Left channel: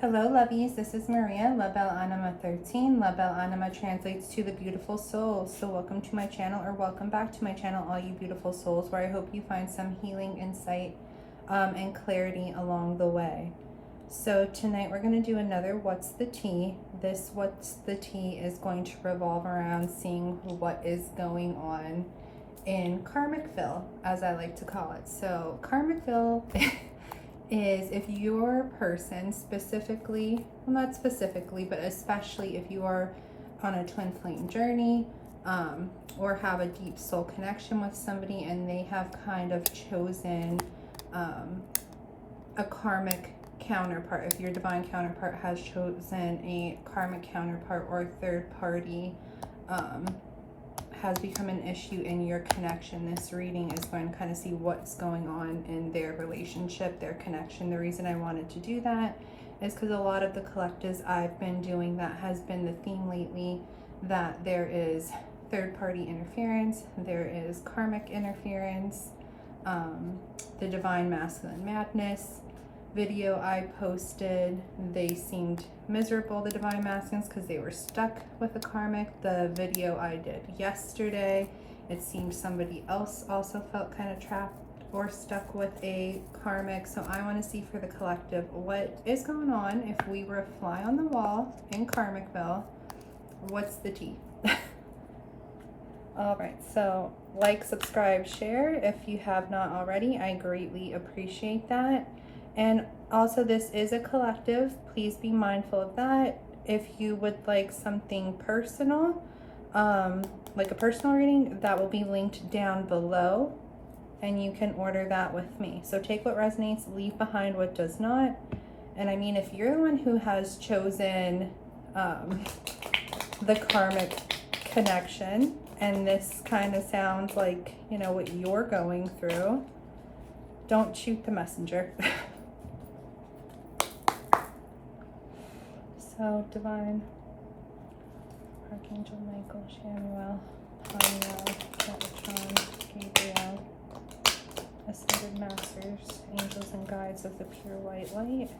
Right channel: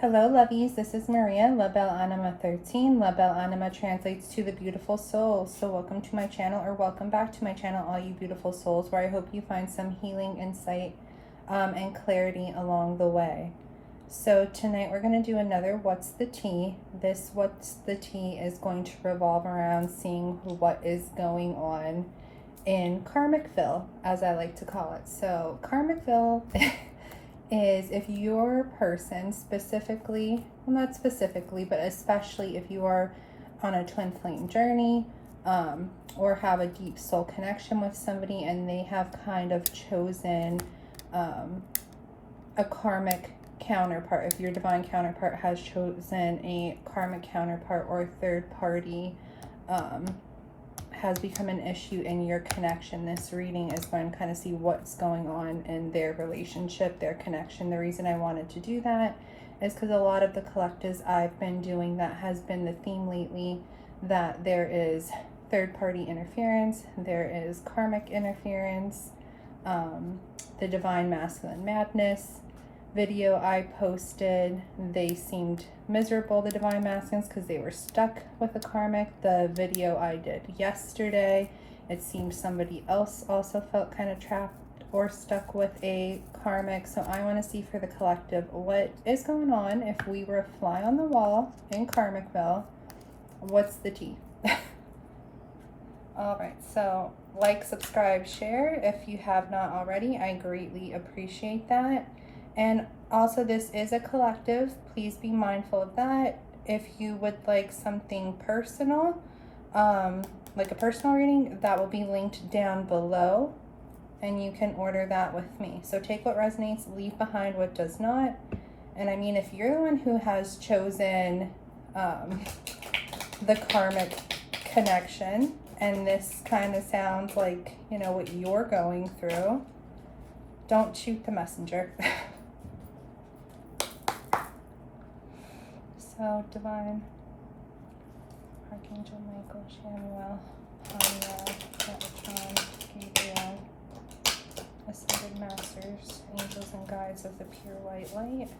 Hello, lovies. This is Maria, La Belle Anima 13. La Belle Anima translates to the beautiful soul. So welcome to my channel, or welcome back to my channel, all you beautiful souls, where I hope you find some healing, insight, and clarity along the way. So tonight we're going to do another What's the Tea. This What's the Tea is going to revolve around seeing what is going on in Karmicville, as I like to call it. So Karmicville is if your person specifically, well, not specifically, but especially if you are on a twin flame journey, or have a deep soul connection with somebody and they have kind of chosen a karmic counterpart. If your divine counterpart has chosen a karmic counterpart, or a third party has become an issue in your connection, this reading is going to kind of see what's going on in their relationship, their connection. The reason I wanted to do that is because a lot of the collectives I've been doing, that has been the theme lately, that there is third party interference, there is karmic interference. The divine masculine madness video I posted, they seemed miserable, the divine masculines, because they were stuck with the karmic. The video I did yesterday, it seemed somebody else also felt kind of trapped or stuck with a karmic. So I want to see for the collective what is going on. If we were a fly on the wall in Karmicville, what's the tea? All right, so like, subscribe, share if you have not already. I greatly appreciate that. And also, this is a collective. Please be mindful of that. If you would like something personal, like a personal reading, that will be linked down below, and you can order that with me. So take what resonates, leave behind what does not. And I mean, if you're the one who has chosen the karmic connection, and this kind of sounds like, you know, what you're going through, don't shoot the messenger. So, Divine, Archangel Michael, Shamuel, Haniel, Metatron, Gabriel, Ascended Masters, Angels and Guides of the Pure White Light,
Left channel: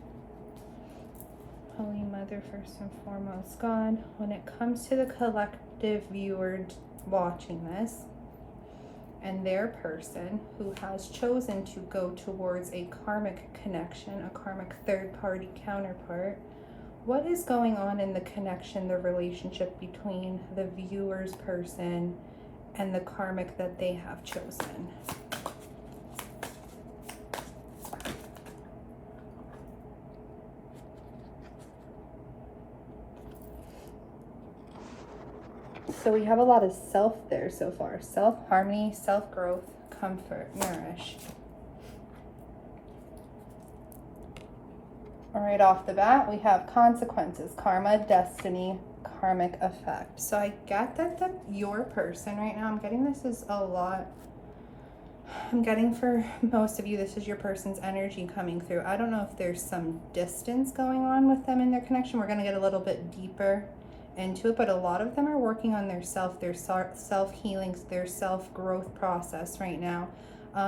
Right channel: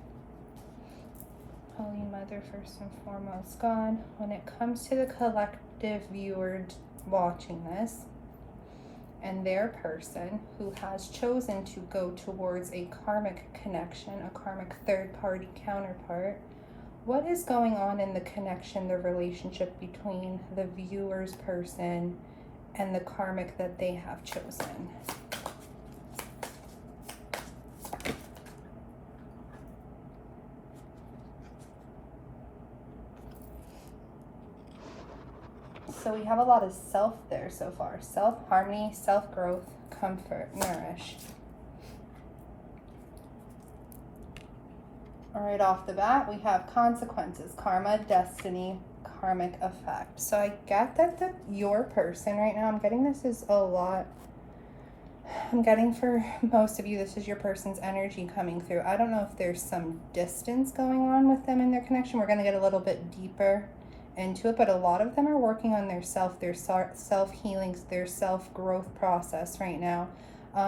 Holy Mother, first and foremost, God. When it comes to the collective viewer watching this, and their person who has chosen to go towards a karmic connection, a karmic third-party counterpart, what is going on in the connection, the relationship between the viewer's person and the karmic that they have chosen? So we have a lot of self there so far. Self-harmony, self-growth, comfort, nourish. All right, off the bat, we have consequences, karma, destiny, karmic effect. So I get that your person right now, I'm getting this is a lot. I'm getting for most of you, this is your person's energy coming through. I don't know if there's some distance going on with them in their connection. We're going to get a little bit deeper into it, but a lot of them are working on their self-healings, their self-growth process right now.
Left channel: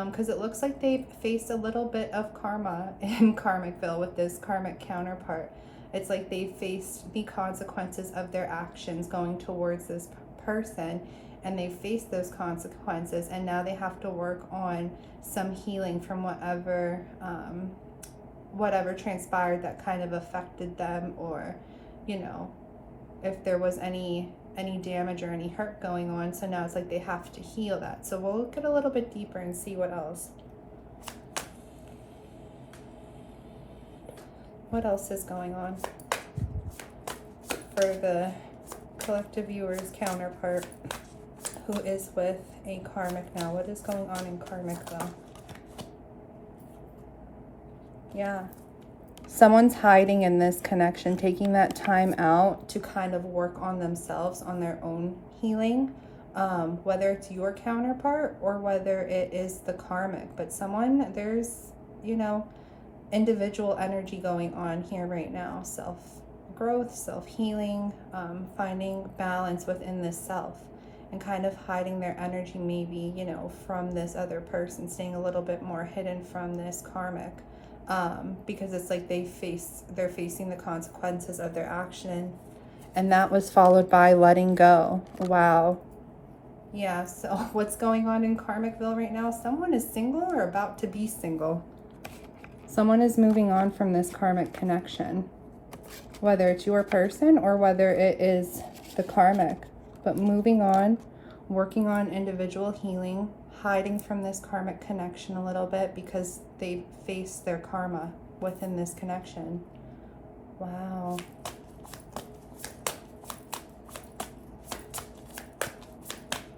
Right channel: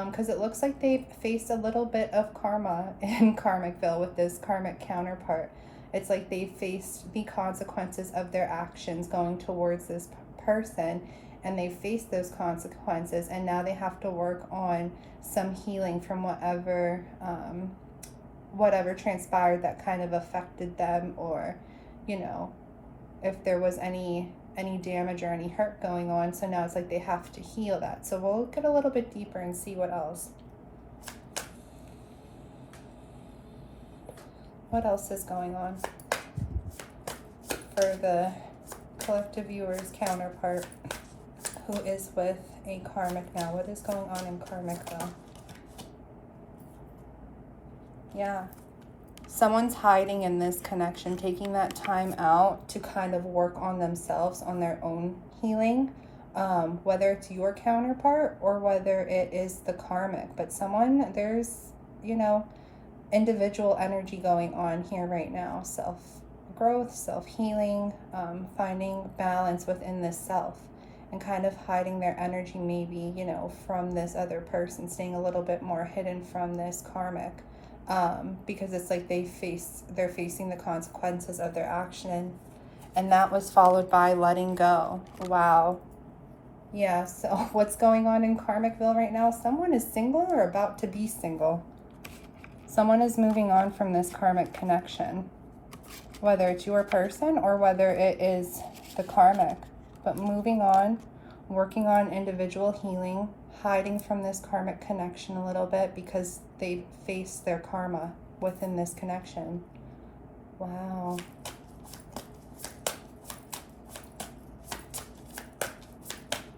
Because it looks like they've faced a little bit of karma in Karmicville with this karmic counterpart. It's like they faced the consequences of their actions going towards this person, and they faced those consequences, and now they have to work on some healing from whatever transpired that kind of affected them, or, you know, if there was any damage or any hurt going on. So now it's like they have to heal that. So we'll get a little bit deeper and see what else. What else is going on for the collective viewer's counterpart who is with a karmic now? What is going on in Karmicville? Yeah. Someone's hiding in this connection, taking that time out to kind of work on themselves, on their own healing, whether it's your counterpart or whether it is the karmic. But there's, you know, individual energy going on here right now. Self-growth, self-healing, finding balance within this self, and kind of hiding their energy maybe, you know, from this other person, staying a little bit more hidden from this karmic. because it's like they're facing the consequences of their action. And that was followed by letting go. Wow. Yeah, so what's going on in Karmicville right now? Someone is single or about to be single. Someone is moving on from this karmic connection, whether it's your person or whether it is the karmic. But moving on, working on individual healing, hiding from this karmic connection a little bit because they face their karma within this connection. Wow.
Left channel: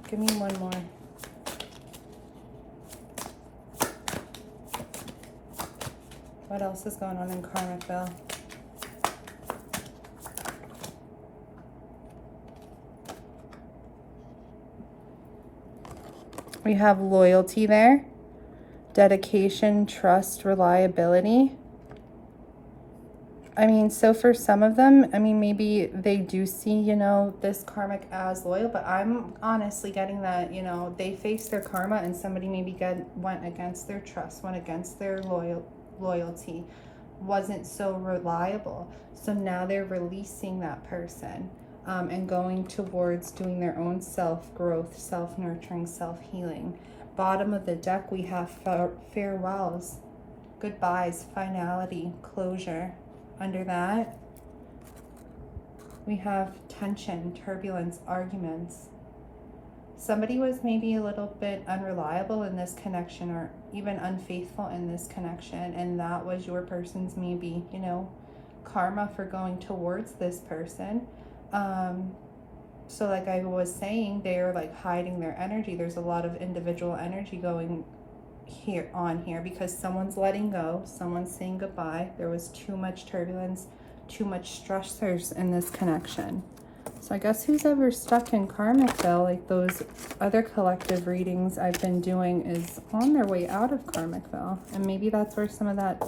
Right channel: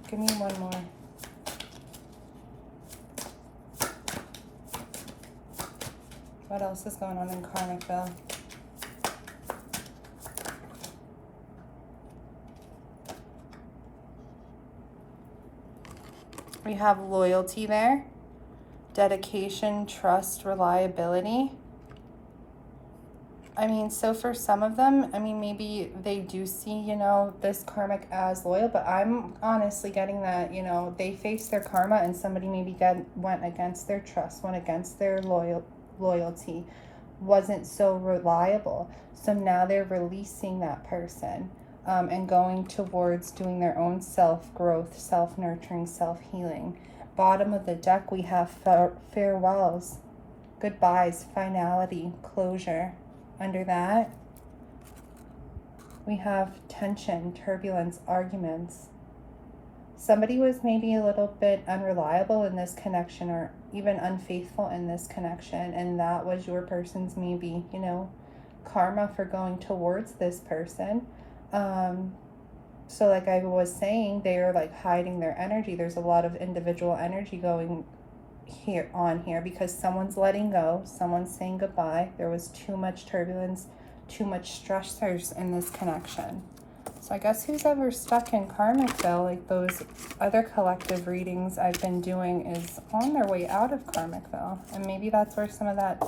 Give me one more. What else is going on in Karmicville? We have loyalty there, dedication, trust, reliability. I mean, so for some of them, I mean, maybe they do see, you know, this karmic as loyal, but I'm honestly getting that, you know, they face their karma and somebody maybe went against their trust, went against their loyalty, wasn't so reliable. So now they're releasing that person and going towards doing their own self-growth, self-nurturing, self-healing. Bottom of the deck, we have farewells, goodbyes, finality, closure. Under that, we have tension, turbulence, arguments. Somebody was maybe a little bit unreliable in this connection or even unfaithful in this connection, and that was your person's maybe, you know, karma for going towards this person. So like I was saying, they are like hiding their energy. There's a lot of individual energy going here because someone's letting go, someone's saying goodbye. There was too much turbulence, too much stressors in this connection. So I guess who's ever stuck in Karmicville, like those other collective readings I've been doing, is on their way out of Karmicville. And maybe that's where some of that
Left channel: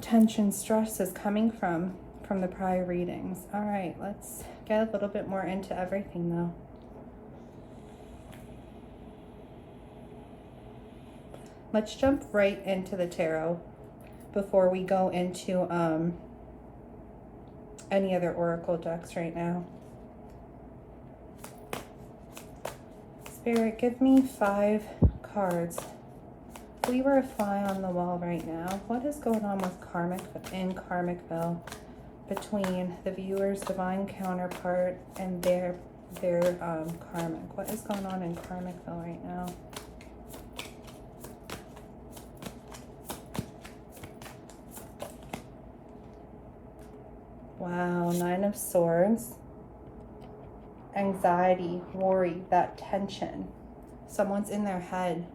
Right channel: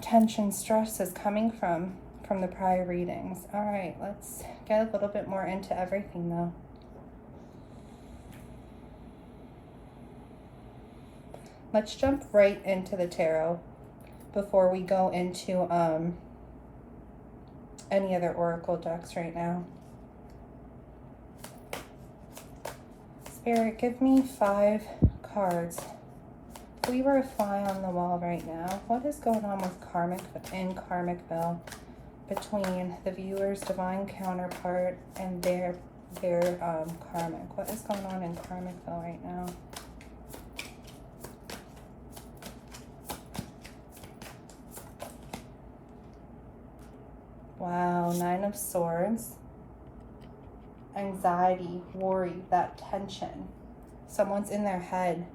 tension, stress is coming from the prior readings. All right, let's get a little bit more into everything though. Let's jump right into the tarot before we go into any other oracle decks right now. Spirit, give me 5 cards. If we were a fly on the wall right now, what is going on with Karmicville between the viewer's divine counterpart and their karmic? What is going on in Karmicville right now? Wow, 9 of Swords. Anxiety, worry, that tension. Someone's in their head,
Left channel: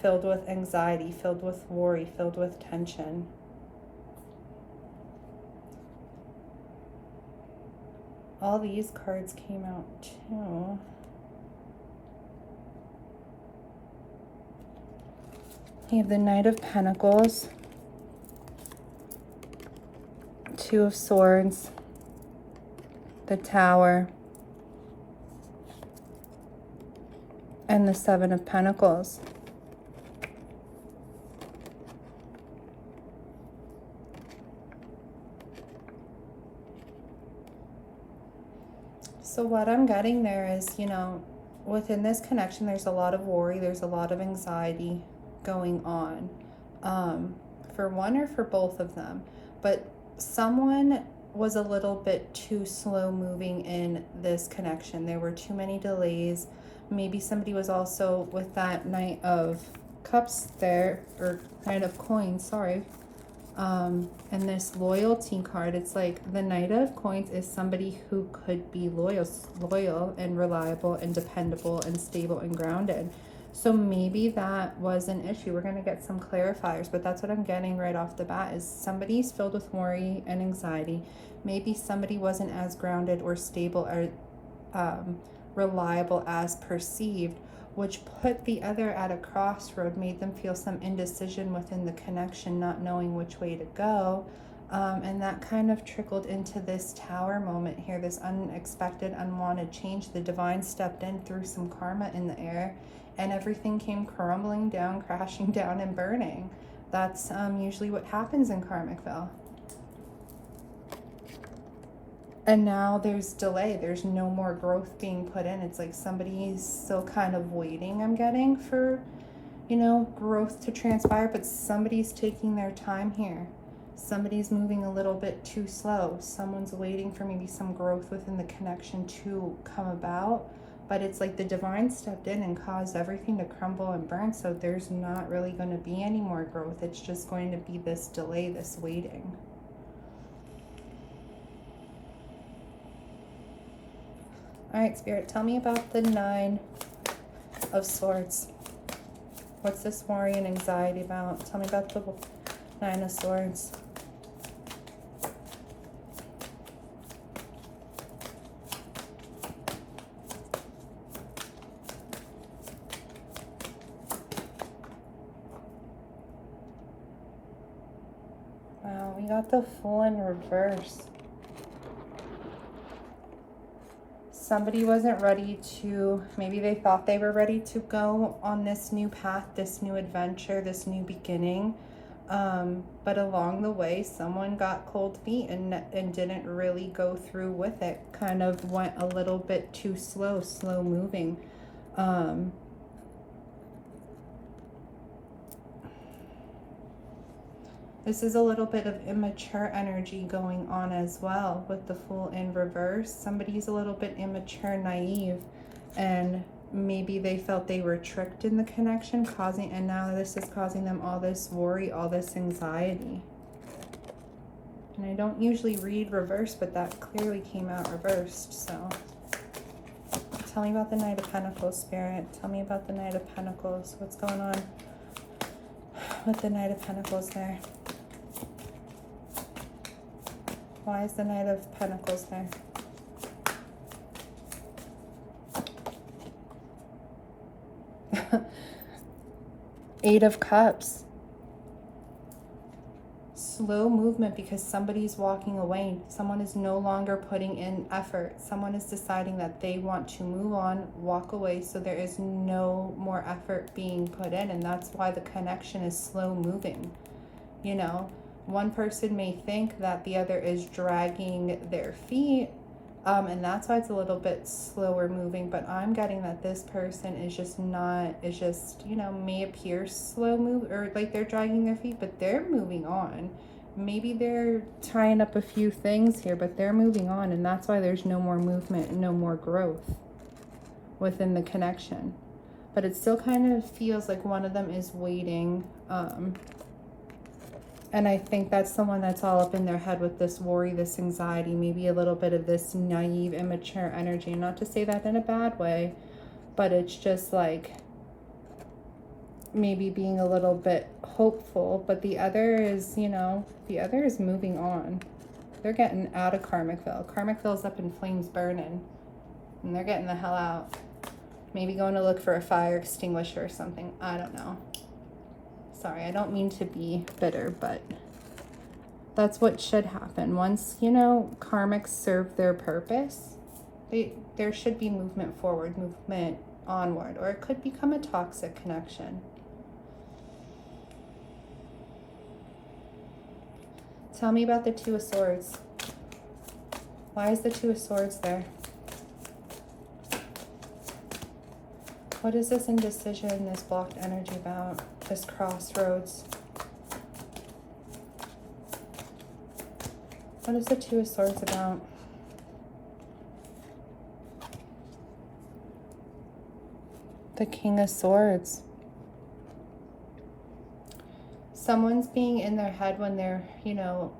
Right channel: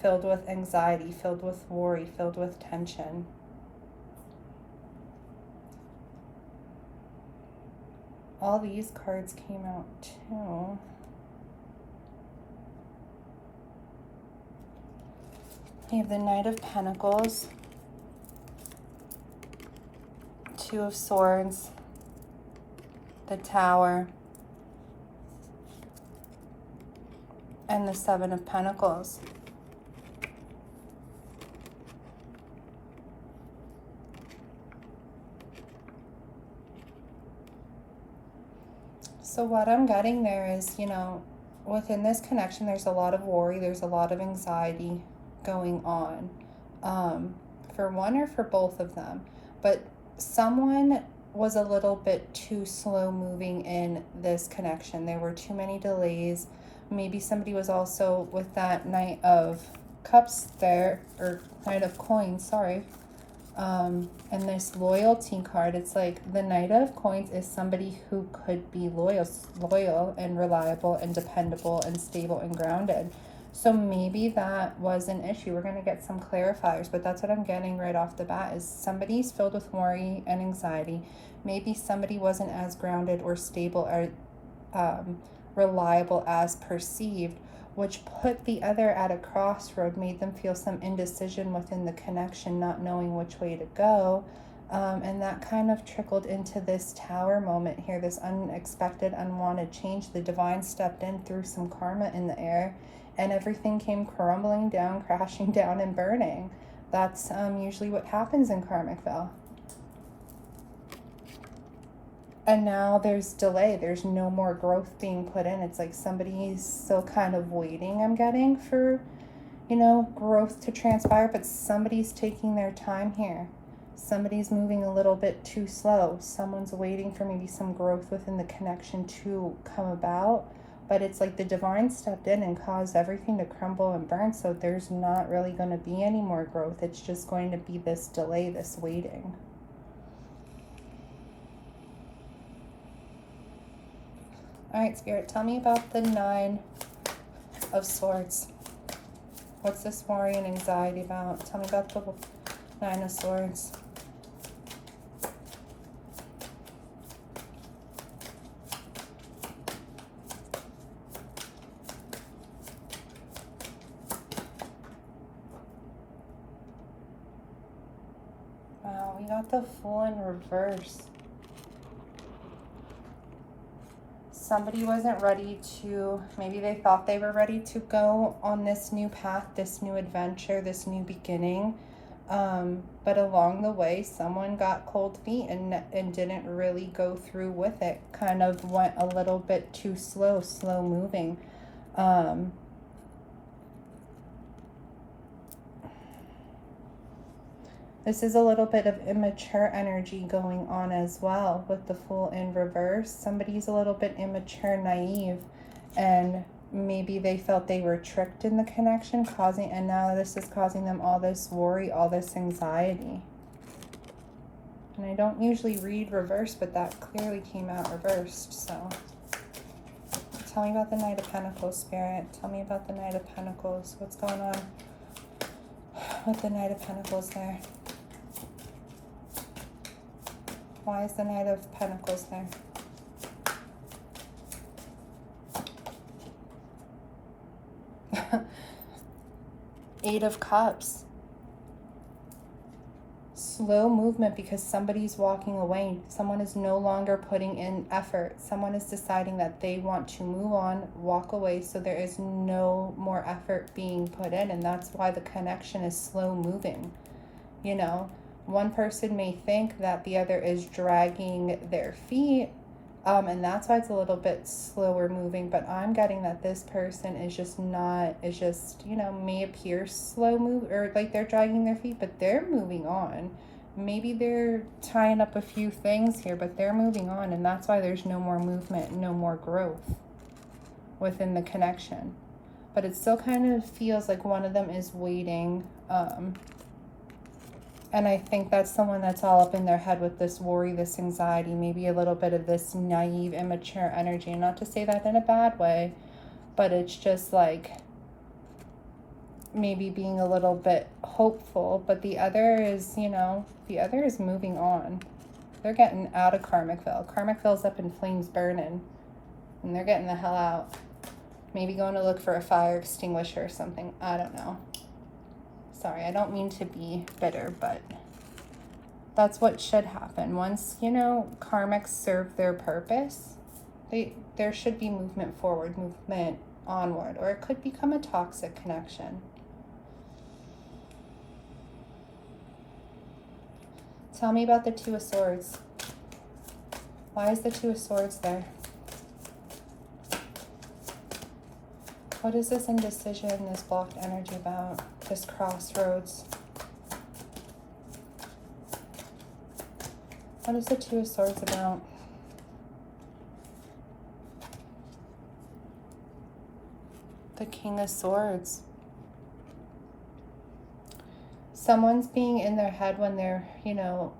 filled with anxiety, filled with worry, filled with tension. All these cards came out too. You have the Knight of Pentacles, 2 of Swords, the Tower, and the 7 of Pentacles. So what I'm getting there is, you know, within this connection, there's a lot of worry, there's a lot of anxiety going on, for one or for both of them. But someone was a little bit too slow moving in this connection. There were too many delays. Maybe somebody was also with that Knight of Cups there, or Knight of Coins, sorry. And this loyalty card, it's like the Knight of Coins is somebody who could be loyal and reliable and dependable and stable and grounded. So maybe that was an issue. We're going to get some clarifiers, but that's what I'm getting right off the bat, is somebody's filled with worry and anxiety. Maybe somebody wasn't as grounded or stable or reliable as perceived, which put the other at a crossroad, made them feel some indecision within the connection, not knowing which way to go. And that kind of trickled into this Tower moment here, this unexpected, unwanted change. The divine stepped in, threw some karma in the air, and everything came crumbling down, crashing down, and burning. That's usually what happens in karmic veil. And now there's delay. There's no more growth being put in. It's like somebody's still kind of waiting, I'm getting, for, you know, growth to transpire, but somebody's taking their time here. Somebody's moving a little bit too slow. Someone's waiting for maybe some growth within the connection to come about. But it's like the divine stepped in and caused everything to crumble and burn. So there's not really going to be any more growth. It's just going to be this delay, this waiting. All right, Spirit, tell me about the Nine of Swords. What's this worry and anxiety about? Tell me about the Nine of Swords. Wow, we got the Fool in reverse. Somebody wasn't ready to, maybe they thought they were ready to go on this new path, this new adventure, this new beginning. But along the way, someone got cold feet and didn't really go through with it. Kind of went a little bit too slow moving. This is a little bit of immature energy going on as well with the Fool in reverse. Somebody's a little bit immature, naive, and maybe they felt they were tricked in the connection, and now this is causing them all this worry, all this anxiety. And I don't usually read reverse, but that clearly came out reversed, so. Tell me about the Knight of Pentacles, Spirit. Tell me about the Knight of Pentacles. What's going on with the Knight of Pentacles there? Why is the Knight of Pentacles there? Eight of Cups. Slow movement because somebody's walking away. Someone is no longer putting in effort. Someone is deciding that they want to move on, walk away, so there is no more effort being put in, and that's why the connection is slow moving. You know, one person may think that the other is dragging their feet, and that's why it's a little bit slower moving, but I'm getting that this person is just not, you know, may appear slow move, or like they're dragging their feet, but they're moving on. Maybe they're tying up a few things here, but they're moving on, and that's why there's no more movement, no more growth within the connection. But it still kind of feels like one of them is waiting, and I think that's someone that's all up in their head with this worry, this anxiety, maybe a little bit of this naive, immature energy. And not to say that in a bad way, but it's just like maybe being a little bit hopeful. But the other is, you know, the other is moving on. They're getting out of karmic veil. Karmic veil's up in flames burning, and they're getting the hell out. Maybe going to look for a fire extinguisher or something. I don't know. Sorry, I don't mean to be bitter, but that's what should happen. Once, you know, karmics serve their purpose, there should be movement forward, movement onward, or it could become a toxic connection. Tell me about the Two of Swords. Why is the Two of Swords there? What is this indecision, this blocked energy about? This crossroads? What is the Two of Swords about? The King of Swords. Someone's being in their head when they're, you know,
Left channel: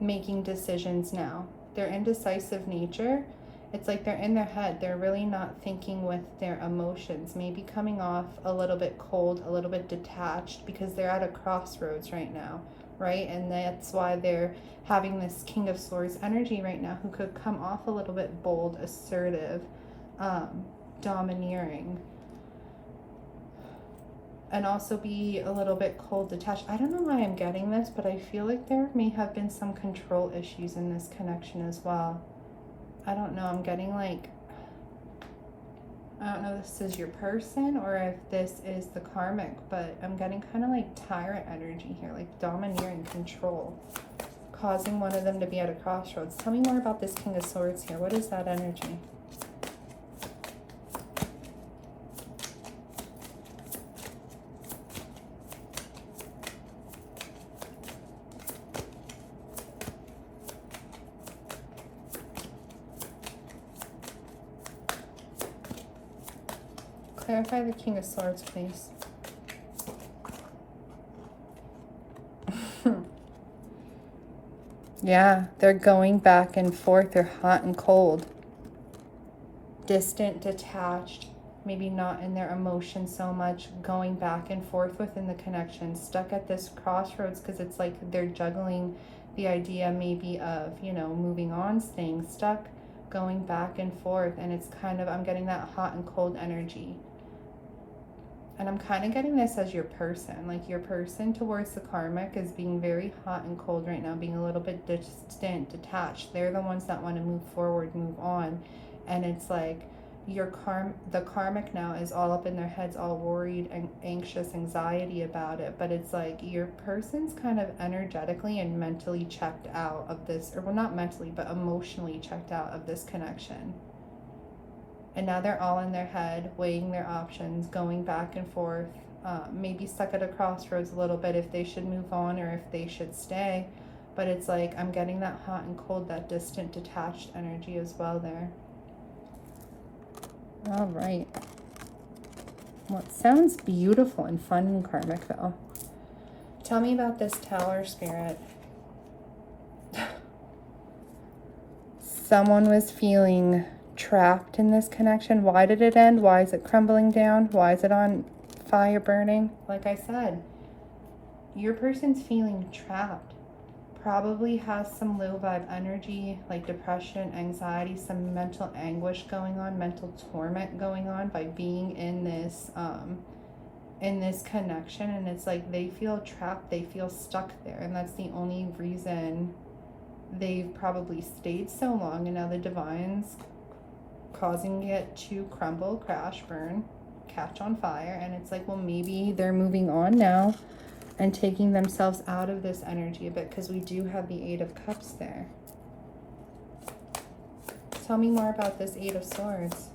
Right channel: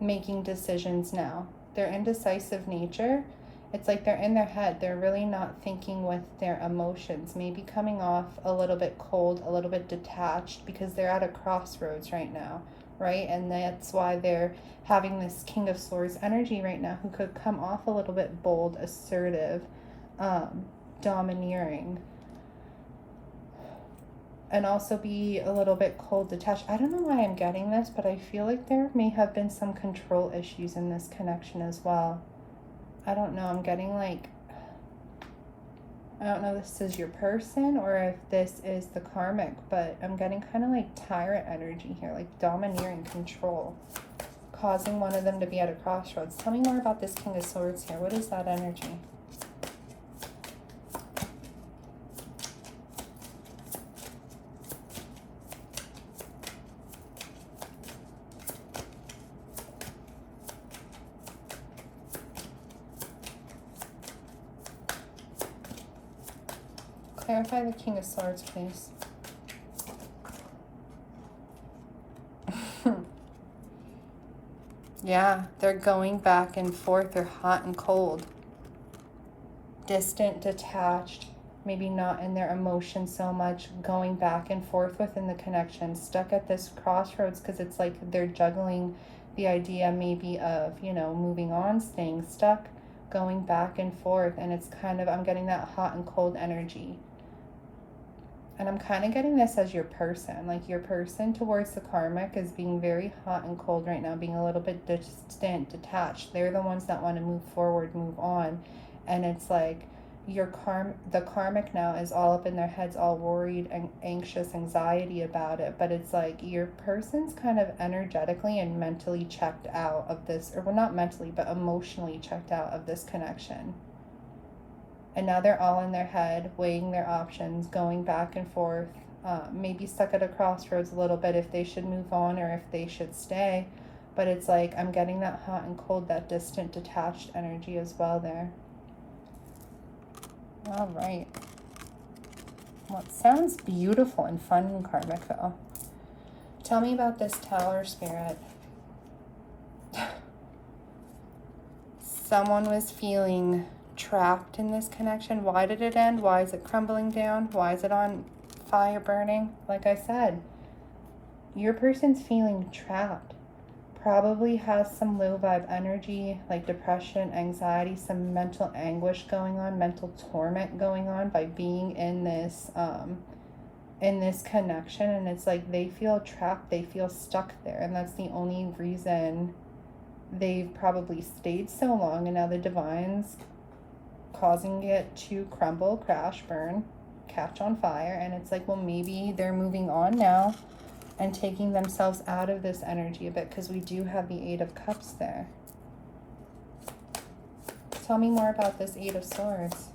making decisions now. Their indecisive nature, it's like they're in their head. They're really not thinking with their emotions. Maybe coming off a little bit cold, a little bit detached, because they're at a crossroads right now, right? And that's why they're having this King of Swords energy right now, who could come off a little bit bold, assertive, domineering, and also be a little bit cold, detached. I don't know why I'm getting this, but I feel like there may have been some control issues in this connection as well. I don't know, I'm getting like I don't know if this is your person or if this is the karmic, but I'm getting kind of like tyrant energy here, like domineering control, causing one of them to be at a crossroads. Tell me more about this King of Swords here. What is that energy? Clarify the King of Swords, please. Yeah, they're going back and forth. They're hot and cold. Distant, detached, maybe not in their emotions so much, going back and forth within the connection, stuck at this crossroads because it's like they're juggling the idea maybe of, you know, moving on, staying stuck, going back and forth. And it's kind of, I'm getting that hot and cold energy. And I'm kind of getting this as your person. Like your person towards the karmic is being very hot and cold right now, being a little bit distant, detached. They're the ones that want to move forward, move on. And it's like the karmic now is all up in their heads, all worried and anxious, anxiety about it. But it's like your person's kind of energetically and mentally checked out of this, or well, not mentally, but emotionally checked out of this connection. And now they're all in their head, weighing their options, going back and forth, maybe stuck at a crossroads a little bit if they should move on or if they should stay. But it's like I'm getting that hot and cold, that distant, detached energy as well there. All right. Well, it sounds beautiful and fun in karmic, though. Tell me about this Tower spirit. Someone was feeling trapped in this connection. Why did it end? Why is it crumbling down? Why is it on fire burning? Like I said, your person's feeling trapped. Probably has some low vibe energy, like depression, anxiety, some mental anguish going on, mental torment going on by being in this connection. And it's like they feel trapped, they feel stuck there, and that's the only reason they've probably stayed so long. And now the divine's causing it to crumble, crash, burn, catch on fire. And it's like, well, maybe they're moving on now and taking themselves out of this energy a bit, because we do have the Eight of Cups there. Tell me more about this Eight of Swords.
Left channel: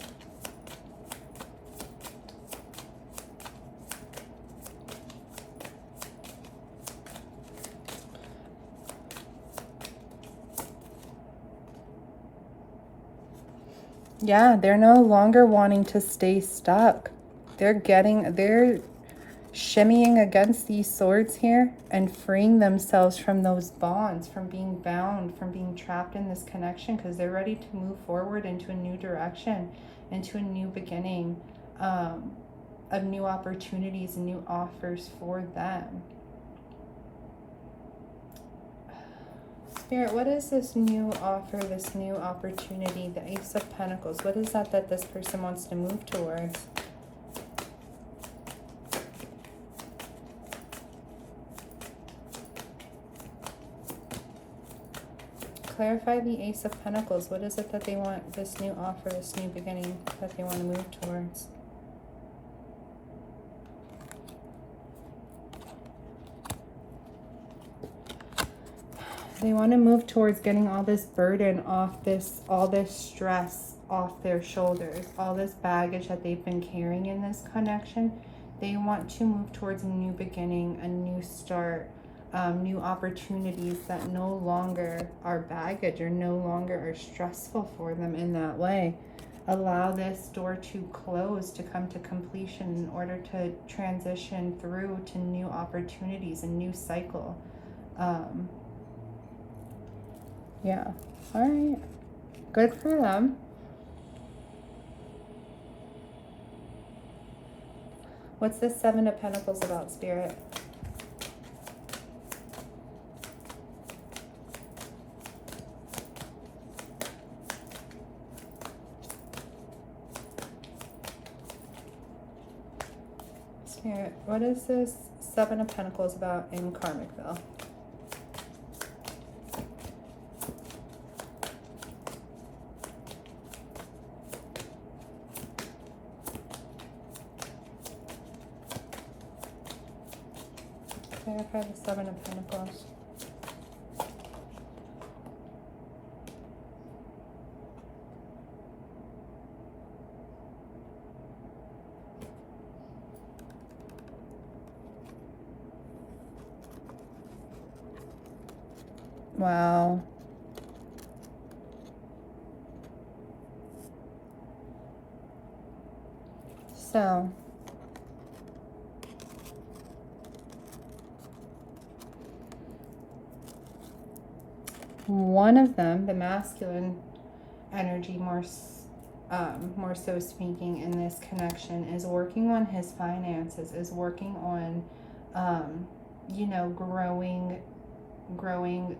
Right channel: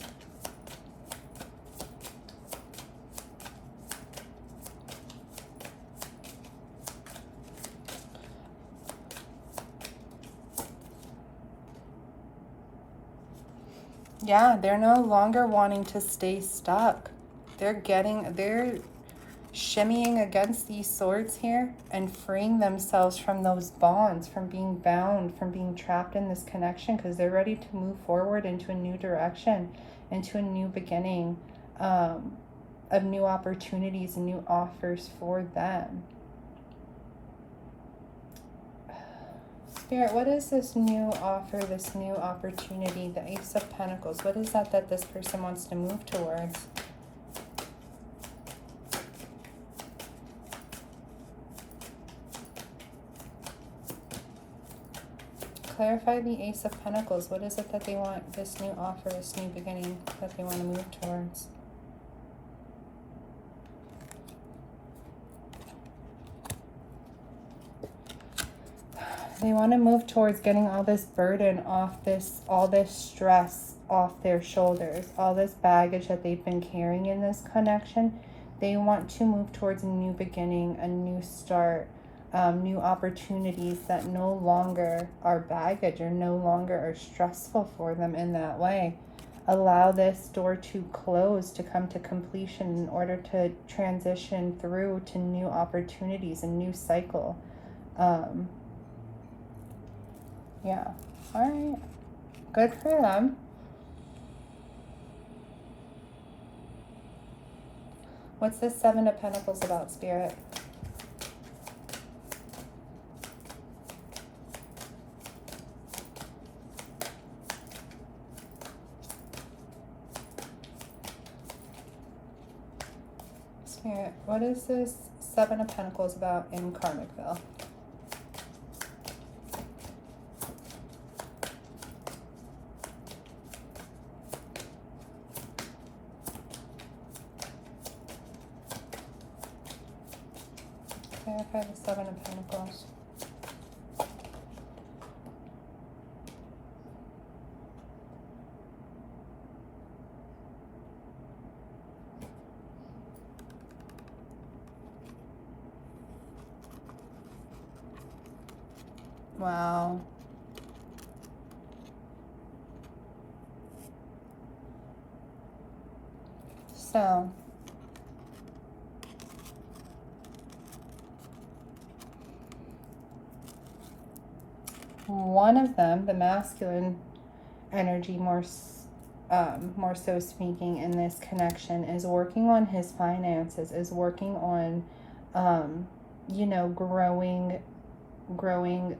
Yeah, they're no longer wanting to stay stuck. They're shimmying against these swords here and freeing themselves from those bonds, from being bound, from being trapped in this connection, because they're ready to move forward into a new direction, into a new beginning, of new opportunities and new offers for them. Spirit, what is this new offer, this new opportunity, the Ace of Pentacles? What is that this person wants to move towards? Clarify the Ace of Pentacles. What is it that they want, this new offer, this new beginning that they want to move towards? They want to move towards getting all this burden off this, all this stress off their shoulders, all this baggage that they've been carrying in this connection. They want to move towards a new beginning, a new start, new opportunities that no longer are baggage or no longer are stressful for them in that way. Allow this door to close, to come to completion in order to transition through to new opportunities, a new cycle. Yeah, all right, good for them. What's this Seven of Pentacles about, Spirit? Spirit, what is this Seven of Pentacles about in Karmicville? Clarify the Seven of Pentacles. Wow. So, one of them, the masculine energy, more so speaking in this connection, is working on his finances, is working on, you know, growing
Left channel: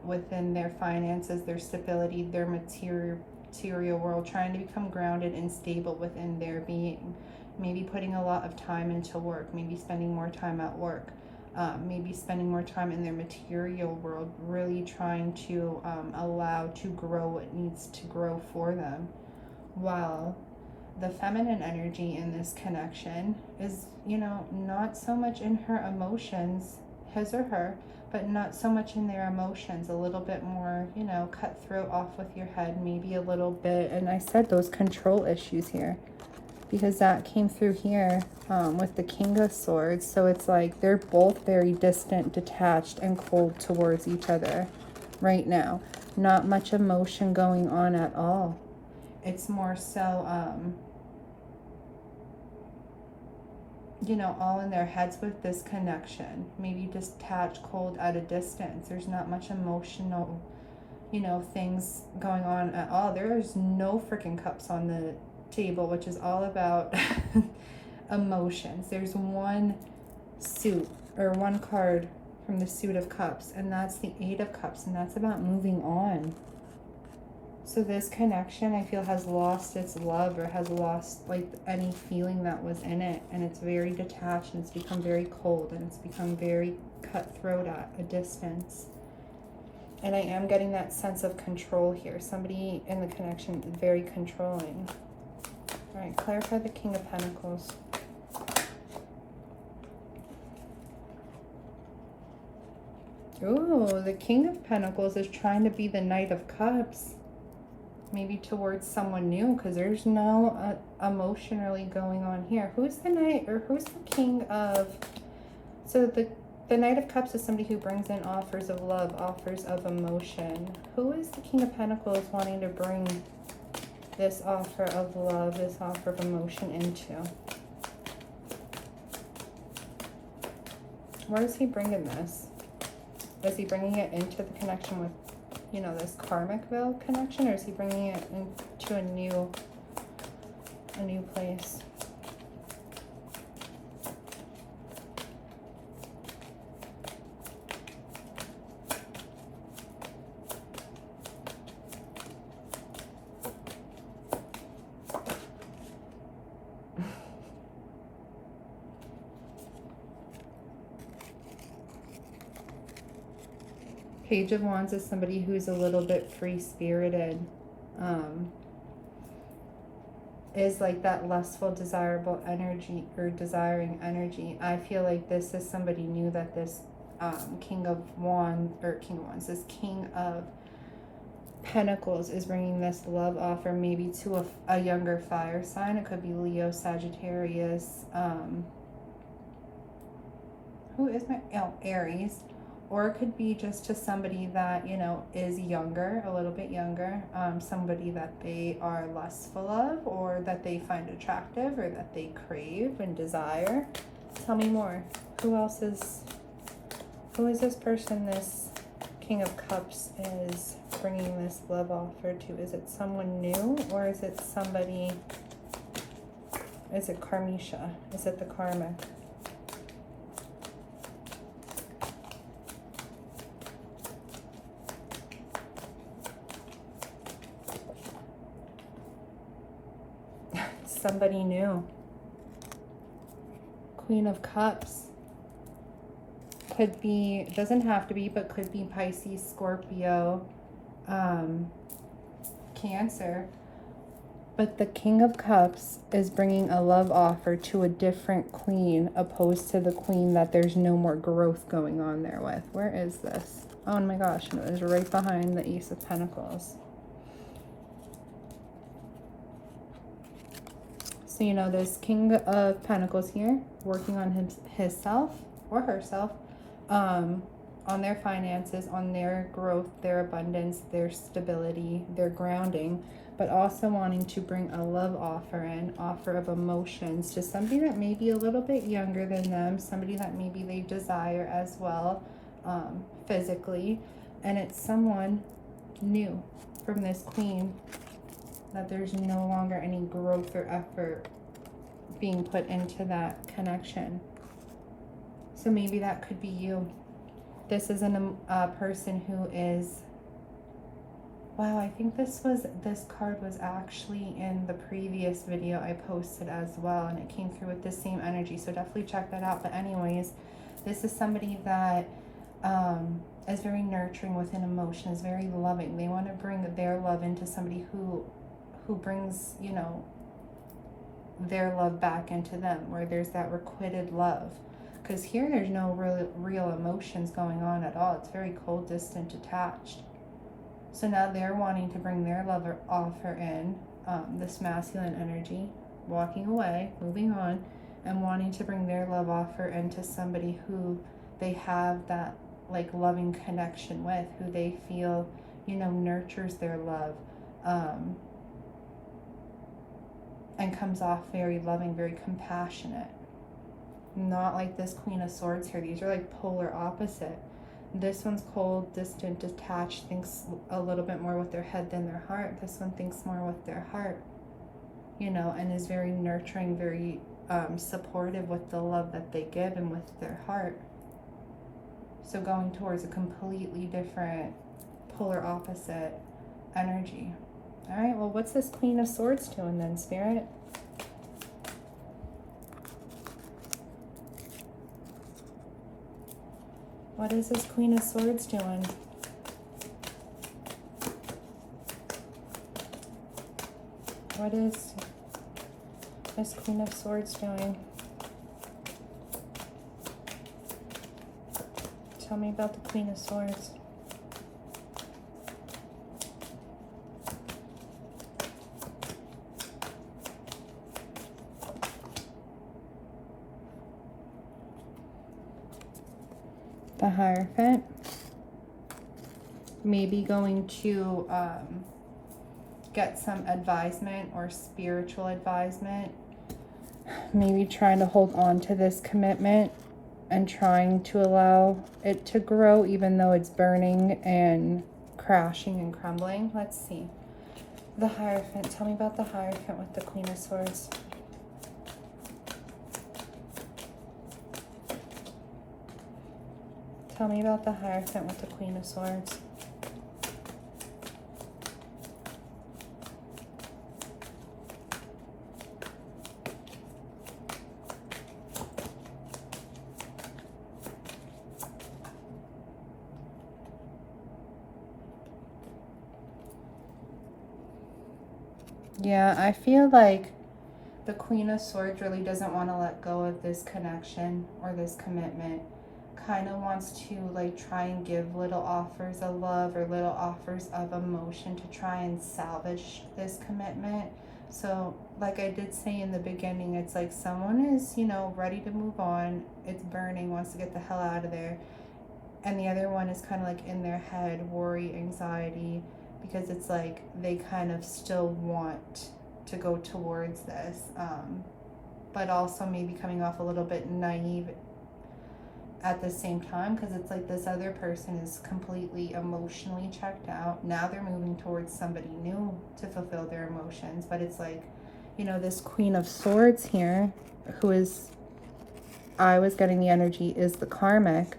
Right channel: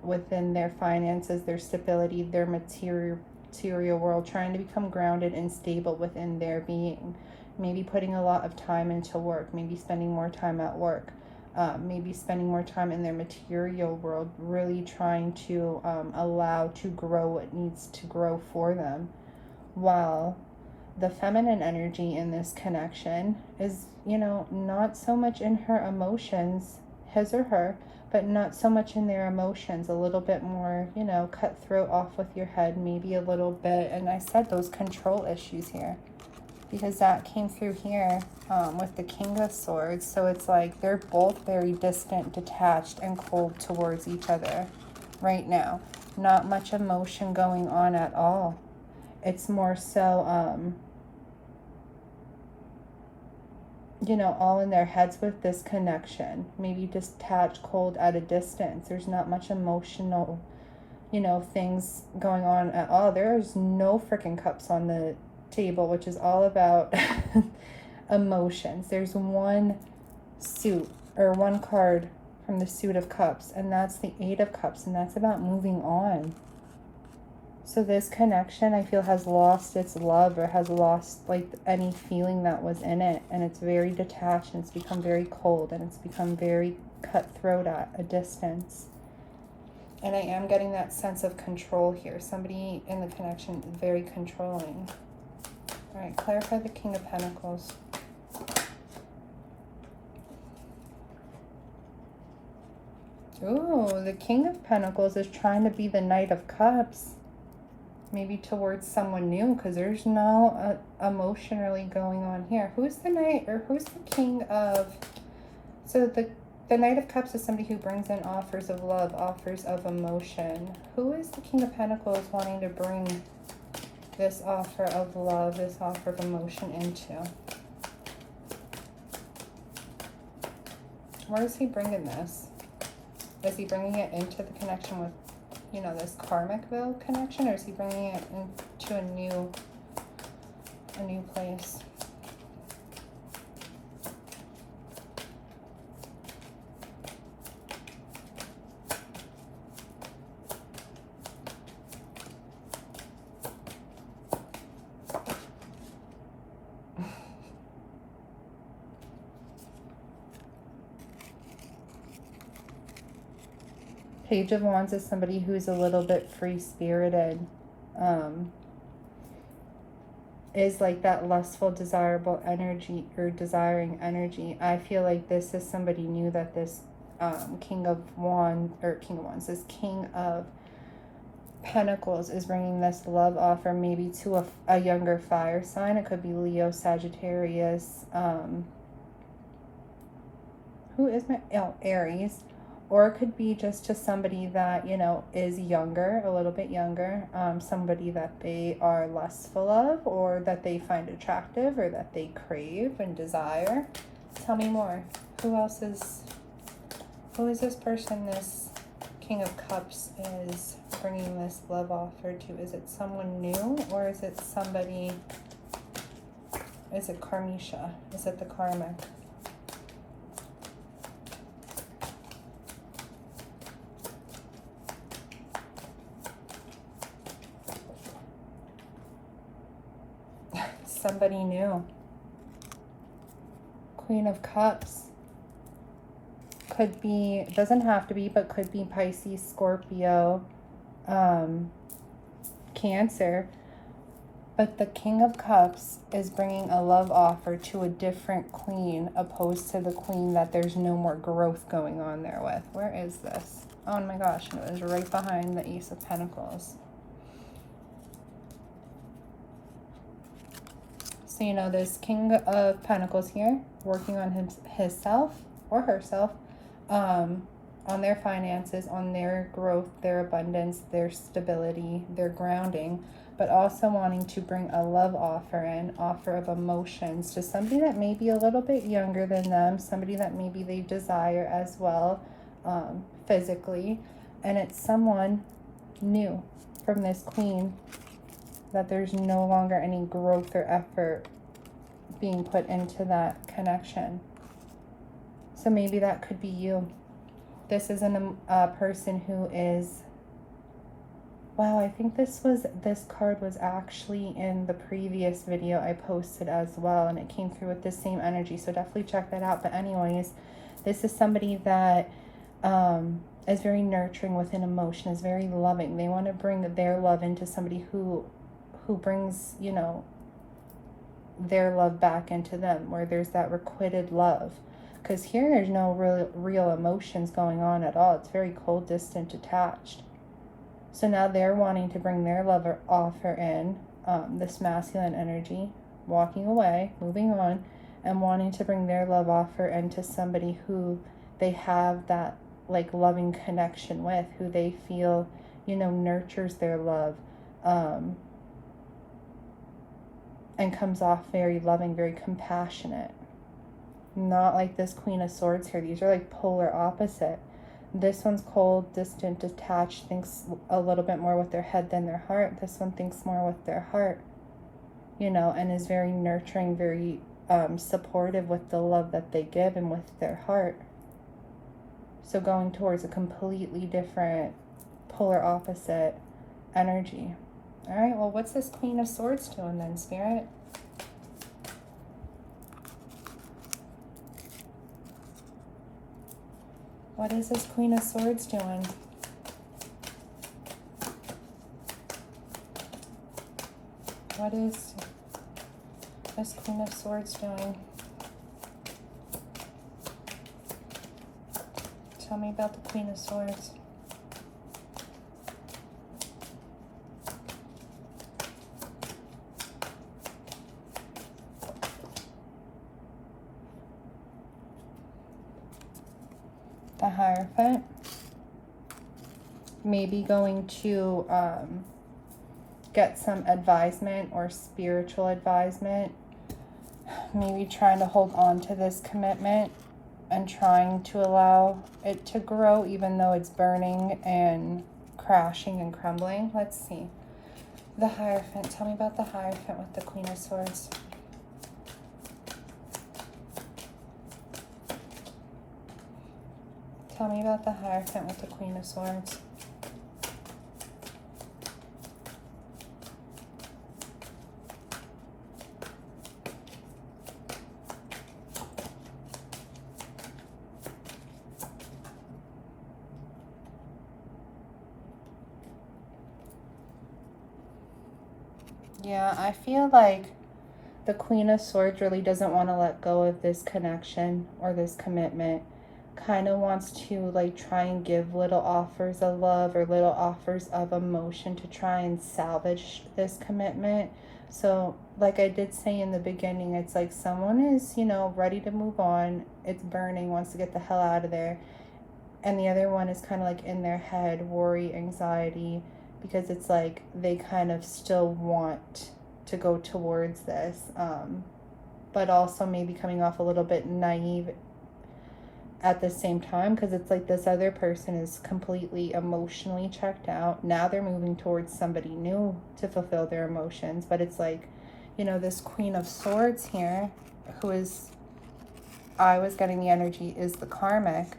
within their finances, their stability, their material world, trying to become grounded and stable within their being. Maybe putting a lot of time into work, maybe spending more time at work, maybe spending more time in their material world, really trying to allow to grow what needs to grow for them. While the feminine energy in this connection is, you know, not so much in her emotions, his or her, but not so much in their emotions, a little bit more, you know, cutthroat, off with your head, maybe a little bit. And I said those control issues here, because that came through here with the King of Swords. So it's like they're both very distant, detached, and cold towards each other right now. Not much emotion going on at all. It's more so, you know, all in their heads with this connection. Maybe detached, cold, at a distance. There's not much emotional, you know, things going on at all. There's no freaking cups on the table, which is all about emotions. There's one suit, or one card from the suit of cups, and that's the Eight of Cups, and that's about moving on. So this connection, I feel, has lost its love, or has lost like any feeling that was in it, and it's very detached, and it's become very cold, and it's become very cutthroat at a distance. And I am getting that sense of control here. Somebody in the connection is very controlling. All right, clarify the King of Pentacles. Ooh, the King of Pentacles is trying to be the Knight of Cups. Maybe towards someone new, because there's no emotion really going on here. Who's the Knight, or who's the King of... So the Knight of Cups is somebody who brings in offers of love, offers of emotion. Who is the King of Pentacles wanting to bring this offer of love, this offer of emotion into? Where is he bringing this? Is he bringing it into the connection with, you know, this karmic will connection, or is he bringing it into a new place? Page of Wands is somebody who's a little bit free-spirited, is like that lustful, desirable energy, or desiring energy. I feel like this is somebody new that this King of Wands, this King of Pentacles is bringing this love offer maybe to a younger fire sign. It could be Leo, Sagittarius, who is my, oh, Aries. Or it could be just to somebody that, you know, is younger, a little bit younger, somebody that they are lustful of, or that they find attractive, or that they crave and desire. Tell me more. Who is this person this King of Cups is bringing this love offer to? Is it someone new, or is it somebody, is it Karmisha? Is it the karmic? Somebody new. Queen of Cups. Could be, doesn't have to be, but could be Pisces, Scorpio, Cancer. But the King of Cups is bringing a love offer to a different queen, opposed to the queen that there's no more growth going on there with. Where is this? Oh my gosh, it was right behind the Ace of Pentacles. So, you know, this King of Pentacles here, working on himself or herself, on their finances, on their growth, their abundance, their stability, their grounding, but also wanting to bring a love offer in, offer of emotions to somebody that may be a little bit younger than them, somebody that maybe they desire as well, physically. And it's someone new from this queen, that there's no longer any growth or effort being put into that connection. So maybe that could be you. This isn't a person who is, wow, I think this card was actually in the previous video I posted as well, and it came through with the same energy, so definitely check that out. But anyways, this is somebody that is very nurturing with an emotion, is very loving. They want to bring their love into somebody who brings, you know, their love back into them, where there's that requited love. Because here there's no real emotions going on at all. It's very cold, distant, detached. So now they're wanting to bring their love offer in, this masculine energy, walking away, moving on, and wanting to bring their love offer into somebody who they have that like loving connection with, who they feel, you know, nurtures their love, and comes off very loving, very compassionate. Not like this Queen of Swords here. These are like polar opposite. This one's cold, distant, detached, thinks a little bit more with their head than their heart. This one thinks more with their heart, you know, and is very nurturing, very supportive with the love that they give and with their heart. So going towards a completely different, polar opposite energy. All right, well, what's this Queen of Swords doing then, Spirit? What is this Queen of Swords doing? What is this Queen of Swords doing? Tell me about the Queen of Swords. The Hierophant. Maybe going to get some advisement or spiritual advisement. Maybe trying to hold on to this commitment and trying to allow it to grow even though it's burning and crashing and crumbling. Let's see. The Hierophant. Tell me about the Hierophant with the Queen of Swords. Tell me about the Hierophant with the Queen of Swords. Yeah, I feel like the Queen of Swords really doesn't want to let go of this connection or this commitment. Kind of wants to like try and give little offers of love or little offers of emotion to try and salvage this commitment. So like I did say in the beginning, it's like someone is, you know, ready to move on. It's burning, wants to get the hell out of there. And the other one is kind of like in their head, worry, anxiety, because it's like they kind of still want to go towards this, but also maybe coming off a little bit naive at the same time, because it's like this other person is completely emotionally checked out. Now they're moving towards somebody new to fulfill their emotions. But it's like, you know, this Queen of Swords here, who is, I was getting the energy, is the karmic.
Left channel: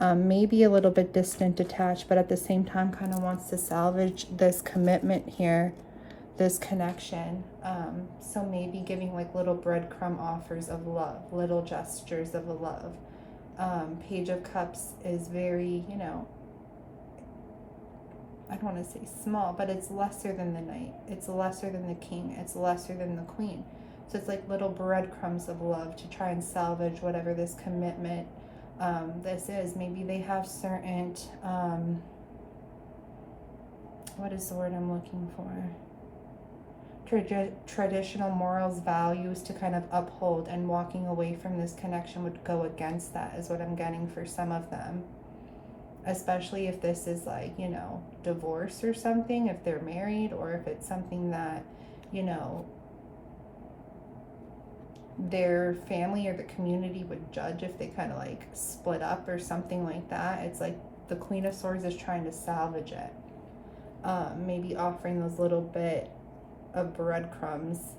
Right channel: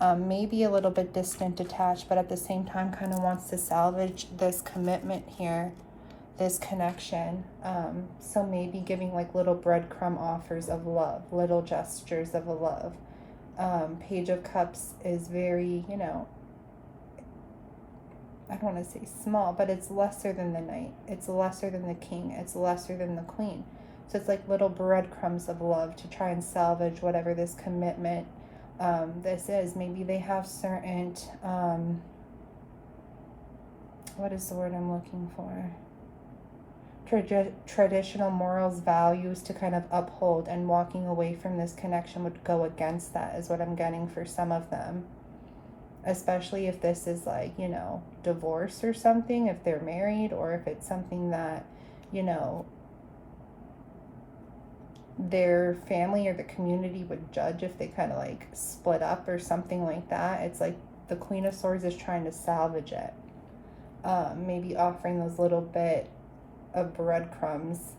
Maybe a little bit distant, detached, but at the same time kind of wants to salvage this commitment here, this connection. So maybe giving like little breadcrumb offers of love, little gestures of love. Page of Cups is very, you know, I don't don't want to say small, but it's lesser than the Knight. It's lesser than the King. It's lesser than the Queen. So it's like little breadcrumbs of love to try and salvage whatever this commitment this is. Maybe they have certain, what is the word I'm looking for? Traditional morals, values to kind of uphold, and walking away from this connection would go against that, is what I'm getting for some of them. Especially if this is like, you know, divorce or something, if they're married, or if it's something that, you know, their family or the community would judge if they kind of like split up or something like that. It's like the Queen of Swords is trying to salvage it. Maybe offering those little bit of breadcrumbs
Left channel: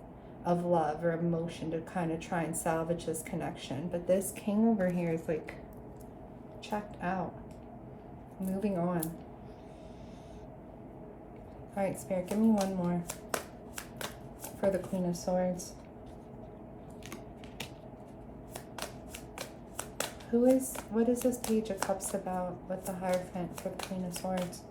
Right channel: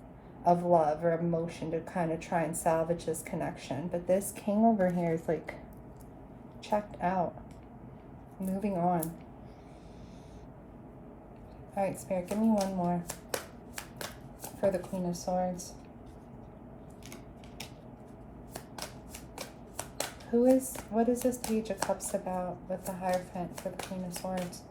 of love or emotion to kind of try and salvage this connection. But this King over here is like checked out. Moving on. All right, Spirit, give me one more for the Queen of Swords. What is this Page of Cups about with the Hierophant for the Queen of Swords?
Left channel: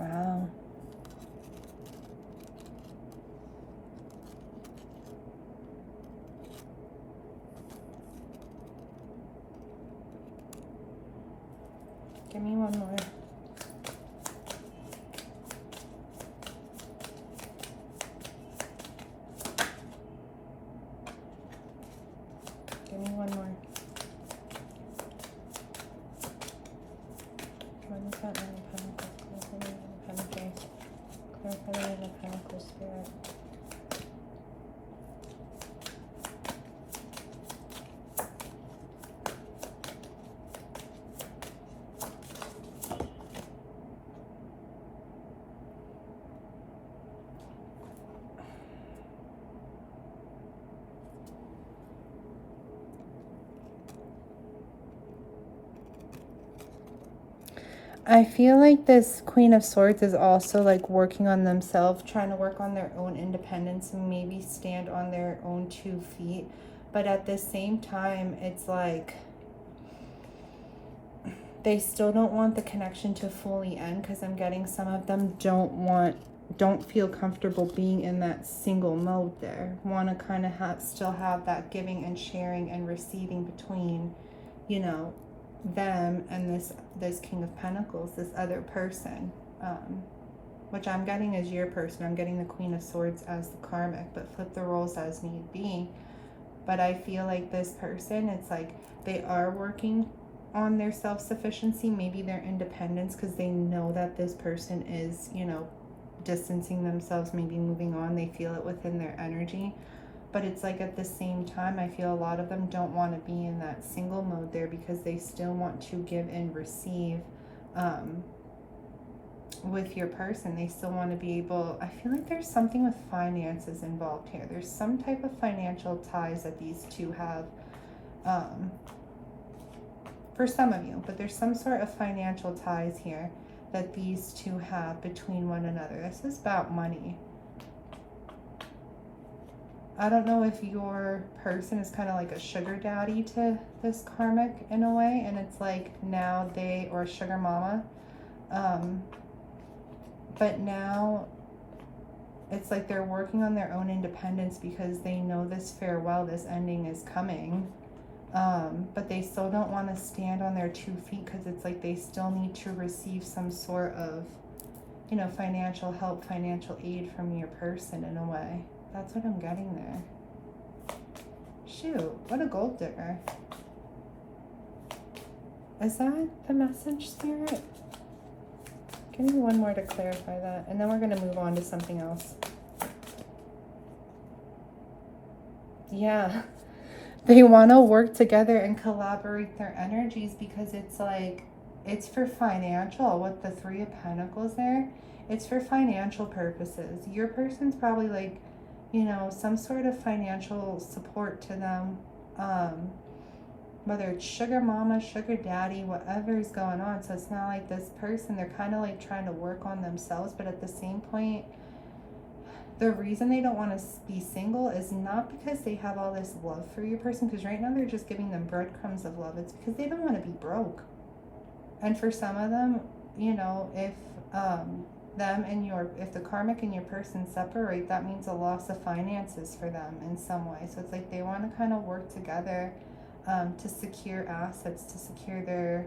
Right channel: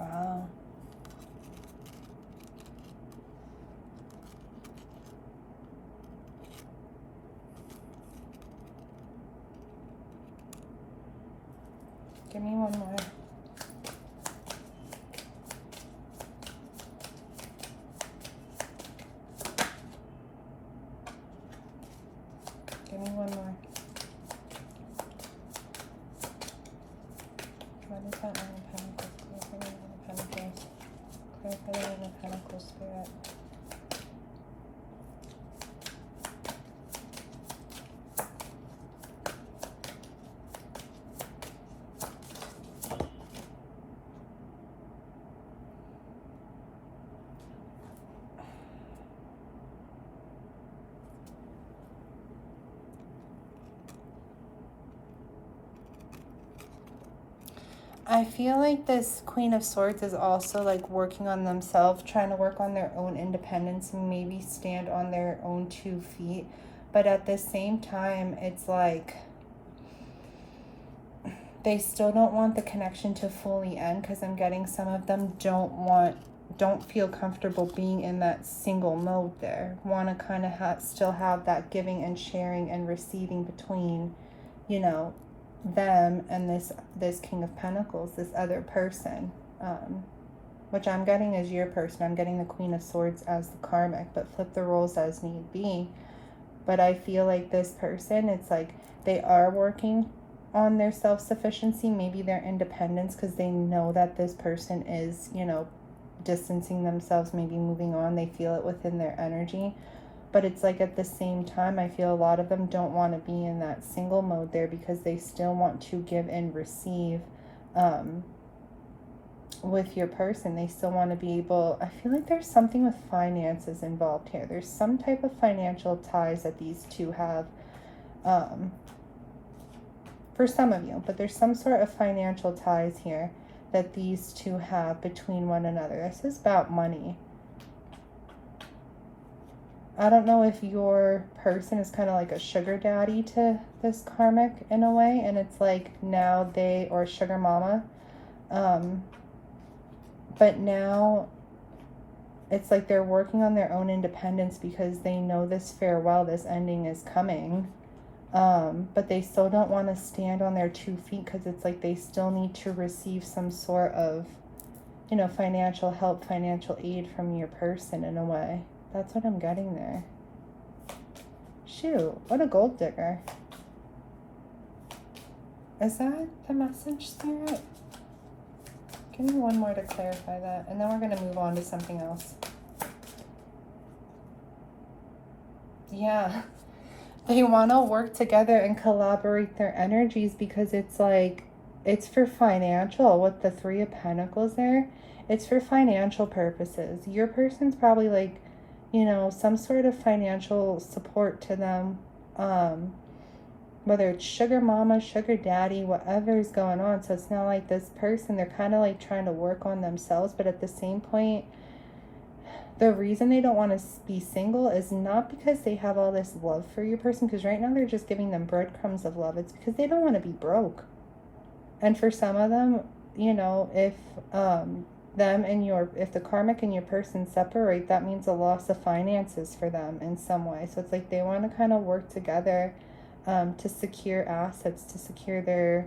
Wow. Give me one more. Give me one more. What is that? Clarify the Pentacles, Spirit. I feel like this Queen of Swords is also like working on themselves, trying to work on their own independence and maybe stand on their own 2 feet. But at the same time, it's like they still don't want the connection to fully end, because I'm getting some of them don't feel comfortable being in that single mode there. Want to kind of still have that giving and sharing and receiving between, you know, them and this King of Pentacles, this other person, which I'm getting is your person. I'm getting the Queen of Swords as the karmic, but flip the roles as need be. But I feel like this person, it's like they are working on their self-sufficiency, maybe their independence, because they know that this person is, you know, distancing themselves, maybe moving on. They feel it within their energy. But it's like at the same time, I feel a lot of them don't want to be in that single mode there, because they still want to give and receive with your person. They still want to be able, I feel like there's something with finances involved here. There's some type of financial ties that these two have for some of you, but there's some sort of financial ties here that these two have between one another. This is about money. I don't know if your person is kind of like a sugar daddy to this karmic in a way, and it's like now they, or sugar mama, but now it's like they're working on their own independence because they know this farewell, this ending is coming, but they still don't want to stand on their 2 feet, because it's like they still need to receive some sort of, you know, financial help, financial aid from your person in a way. That's what I'm getting there. Shoot, what a gold digger. Is that the message, Spirit? Give me one more to clarify that, and then we're going to move on to something else. Yeah. They want to work together and collaborate their energies, because it's like, it's for financial. With the 3 of Pentacles there, it's for financial purposes. Your person's probably like, you know, some sort of financial support to them. whether it's sugar mama, sugar daddy, whatever is going on. So it's not like this person, they're kind of like trying to work on themselves, but at the same point, the reason they don't want to be single is not because they have all this love for your person, because right now they're just giving them breadcrumbs of love. It's because they don't want to be broke. And for some of them, you know, if if the karmic and your person separate, that means a loss of finances for them in some way. So it's like they want to kind of work together to secure assets, to secure their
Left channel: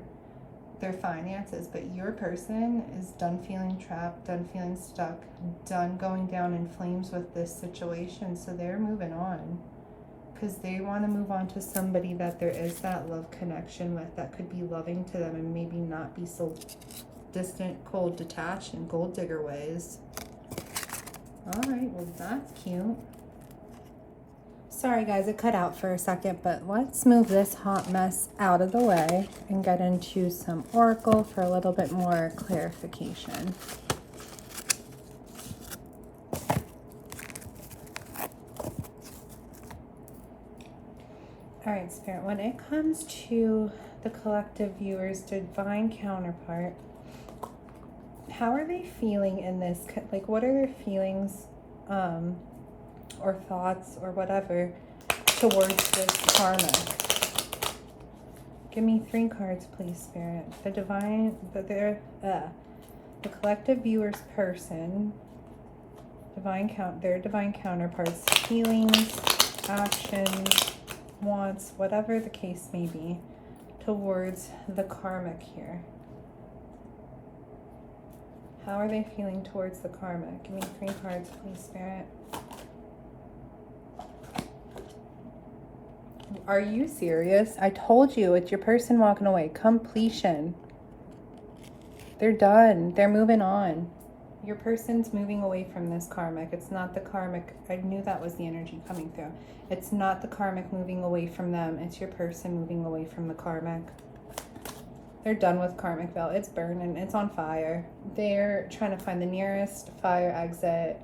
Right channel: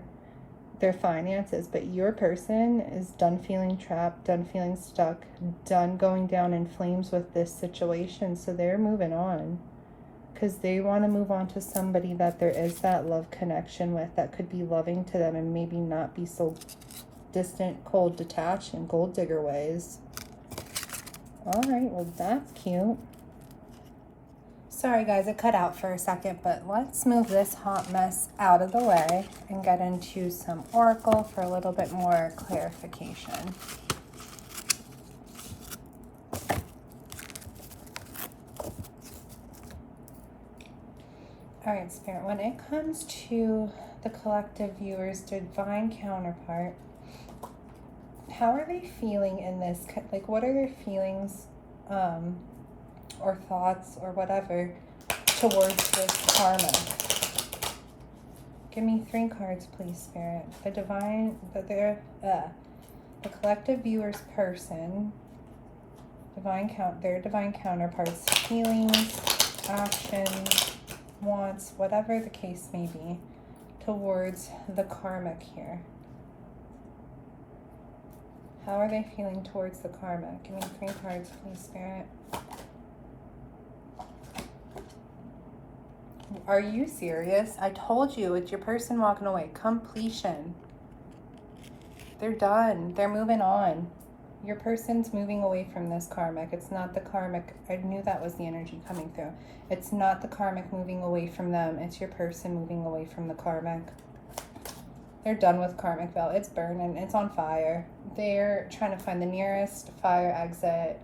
finances. But your person is done feeling trapped, done feeling stuck, done going down in flames with this situation. So they're moving on because they want to move on to somebody that there is that love connection with, that could be loving to them and maybe not be so distant, cold, detached, and gold digger ways. All right, well, that's cute. Sorry guys, it cut out for a second, but let's move this hot mess out of the way and get into some oracle for a little bit more clarification. All right, Spirit, when it comes to the collective viewers, divine counterpart, how are they feeling in this? Like, what are their feelings or thoughts or whatever towards this karma? Give me 3 cards, please, Spirit. The collective viewers person, their divine counterparts, feelings, actions, wants, whatever the case may be, towards the karmic here. How are they feeling towards the karmic? Give me 3 cards, please, Spirit. Are you serious? I told you, it's your person walking away. Completion. They're done. They're moving on. Your person's moving away from this karmic. It's not the karmic. I knew that was the energy coming through. It's not the karmic moving away from them. It's your person moving away from the karmic. They're done with Karmicville. It's burning. It's on fire. They're trying to find the nearest fire exit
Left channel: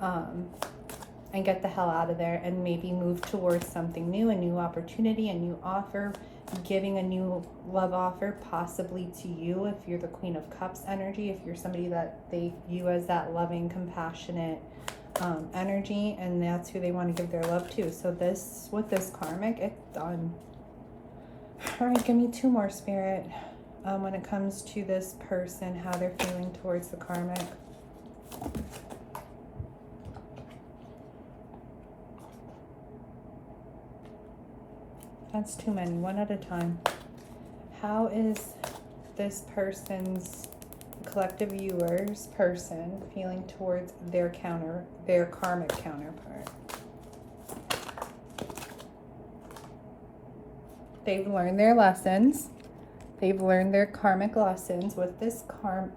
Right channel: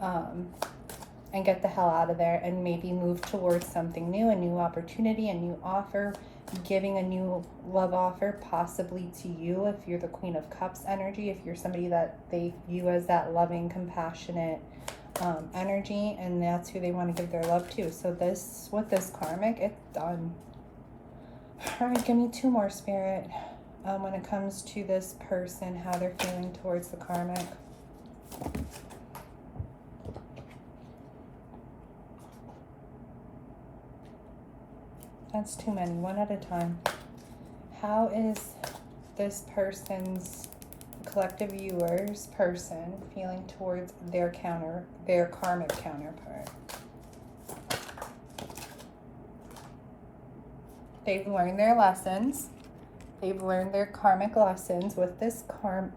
and get the hell out of there and maybe move towards something new, a new opportunity, a new offer, giving a new love offer possibly to you if you're the Queen of Cups energy, if you're somebody that they view as that loving, compassionate energy, and that's who they want to give their love to. So this, with this karmic, it's done. All right, give me 2 more, Spirit. When it comes to this person, how they're feeling towards the karmic. That's too many. 1 at a time. How is this person's collective viewers person feeling towards their karmic counterpart? They've learned their lessons. They've learned their karmic lessons with this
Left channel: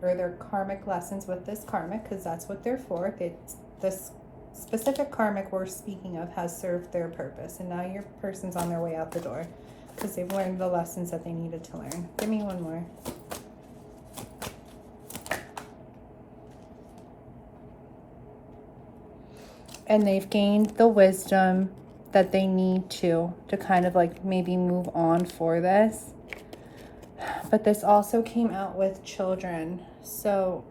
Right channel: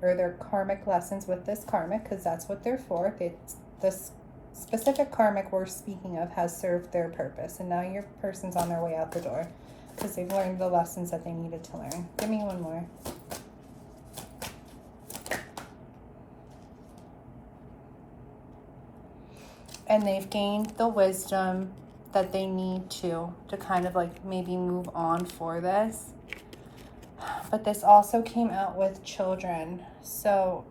their karmic lessons with this karmic, because that's what they're for. This specific karmic we're speaking of has served their purpose, and now your person's on their way out the door because they've learned the lessons that they needed to learn. Give me 1 more. And they've gained the wisdom that they need to kind of like maybe move on for this. But this also came out with children. So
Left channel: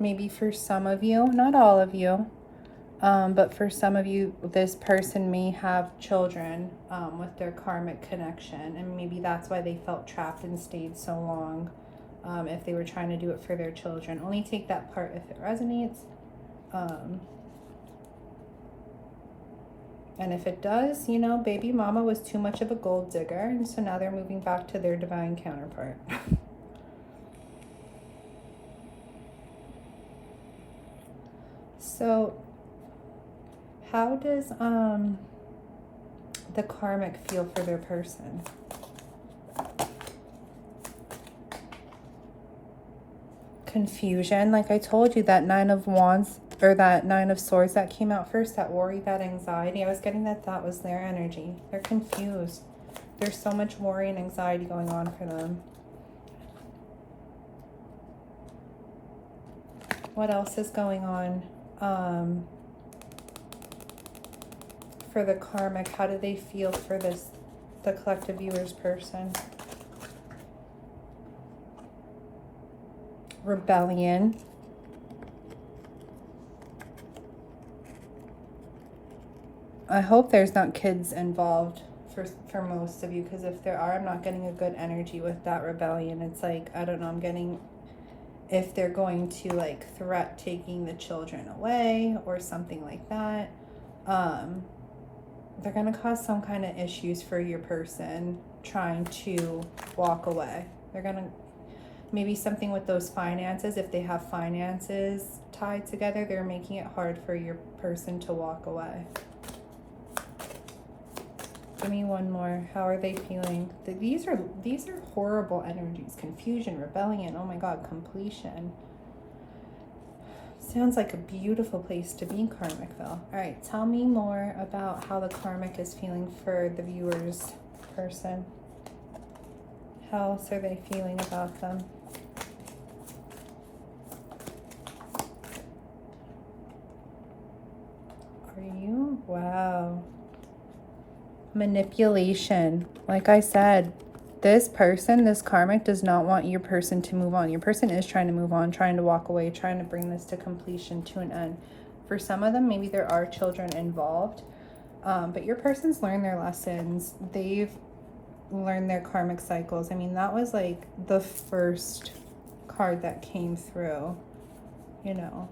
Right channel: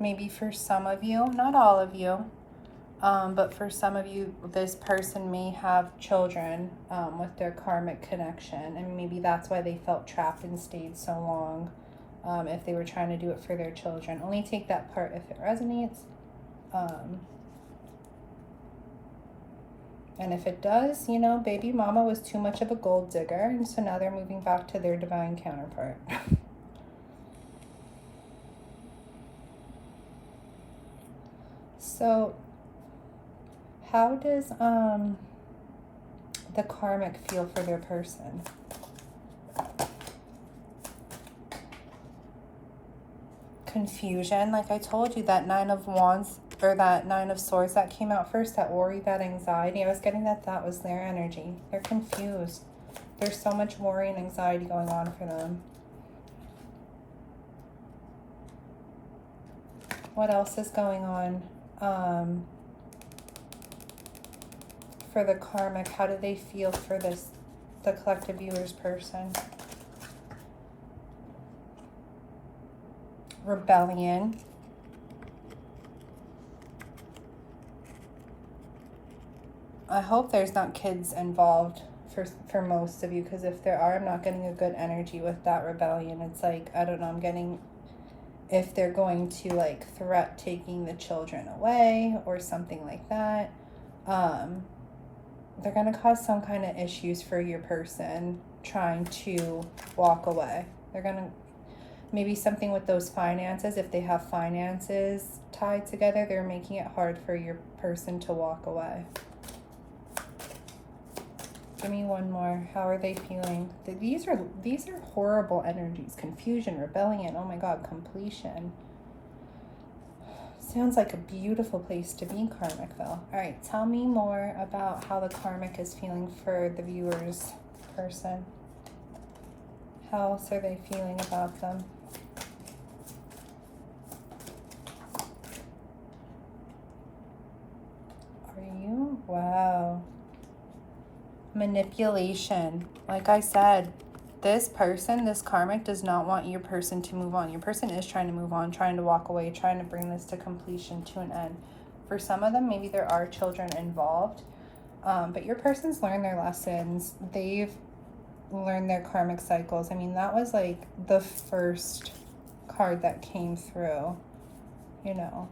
maybe for some of you, not all of you, but for some of you, this person may have children with their karmic connection. And maybe that's why they felt trapped and stayed so long if they were trying to do it for their children. Only take that part if it resonates. And if it does, you know, baby mama was too much of a gold digger, and so now they're moving back to their divine counterpart. So how does the karmic feel for their person? Confusion. Like I told you, that 9 of Wands, or that 9 of Swords that came out first, that worry, that anxiety, I was getting that was their energy. They're confused. There's so much worry and anxiety going on for them. What else is going on for the karmic? How do they feel for this the collective viewers person. Rebellion. I hope there's not kids involved for most of you, because if there are, I'm not getting a good energy with that rebellion. It's like, I don't know, I'm getting if they're going to like threat taking the children away or something like that. They're going to cause some kind of issues for your person trying to walk away. They're going to, maybe something with those finances. If they have finances tied together, they're making it hard for your person to walk away. Give me one more. How are they feeling? These are horrible energies. Confusion, rebellion, oh my God, completion. Sounds like a beautiful place to be, Karmicville. All right, tell me more about how the Karmic is feeling for the viewers person. How else are they feeling about them? Are you? Wow. Manipulation. Like I said, this person, this Karmic, does not want your person to move on. Your person is trying to move on, trying to walk away, trying to bring this to completion, to an end. For some of them, maybe there are children involved, but your person's learned their lessons. They've learned their karmic cycles. I mean, that was like the first card that came through, you know.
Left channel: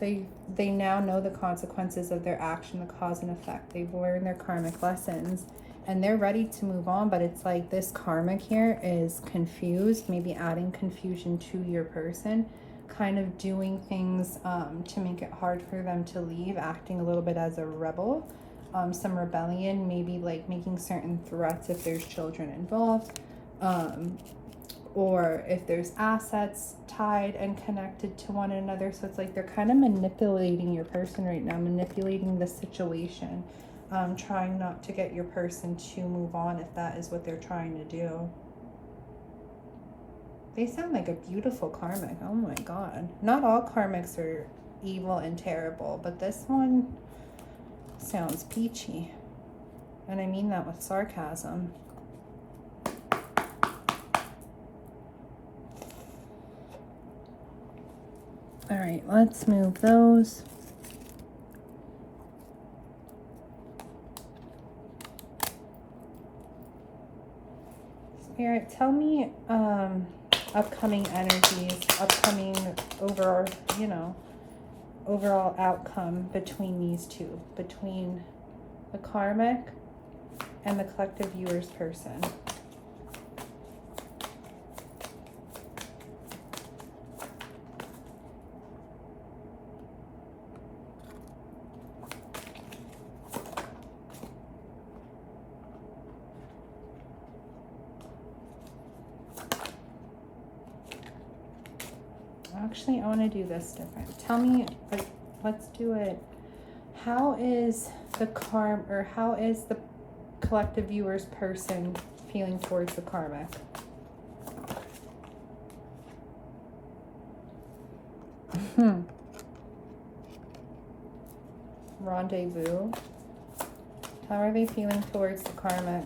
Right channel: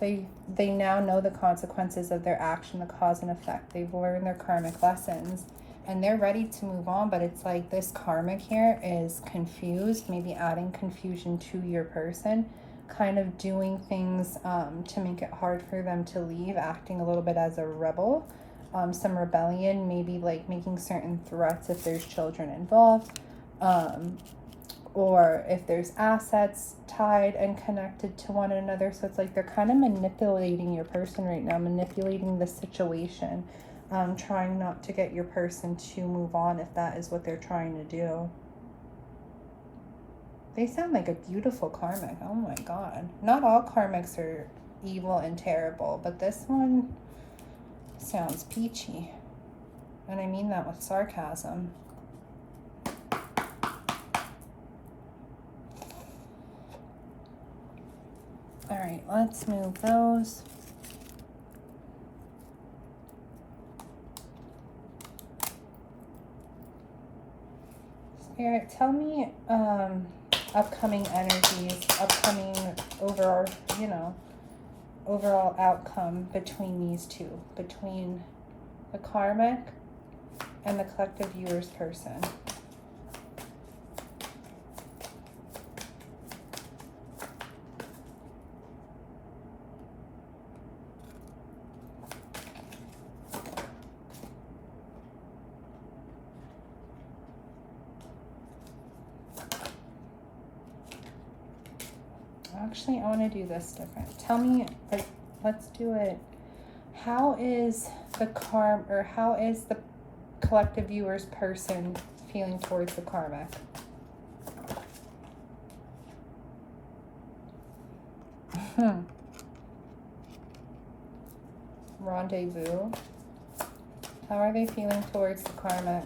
They now know the consequences of their action, the cause and effect. They've learned their karmic lessons and they're ready to move on. But it's like this Karmic here is confused, maybe adding confusion to your person, kind of doing things to make it hard for them to leave, acting a little bit as a rebel. Some rebellion, maybe like making certain threats if there's children involved. Or if there's assets tied and connected to one another. So it's like they're kind of manipulating your person right now, manipulating the situation, trying not to get your person to move on if that is what they're trying to do. They sound like a beautiful Karmic. Oh my God. Not all Karmics are evil and terrible, but this one sounds peachy. And I mean that with sarcasm. All right, let's move those. Spirit, tell me upcoming energies, upcoming overall, you know, overall outcome between these two, between the Karmic and the collective viewers person. Actually, I want to do this different. Tell me, like, let's do it. How is the how is the collective viewers person feeling towards the Karmic? Rendezvous. How are they feeling towards the Karmic?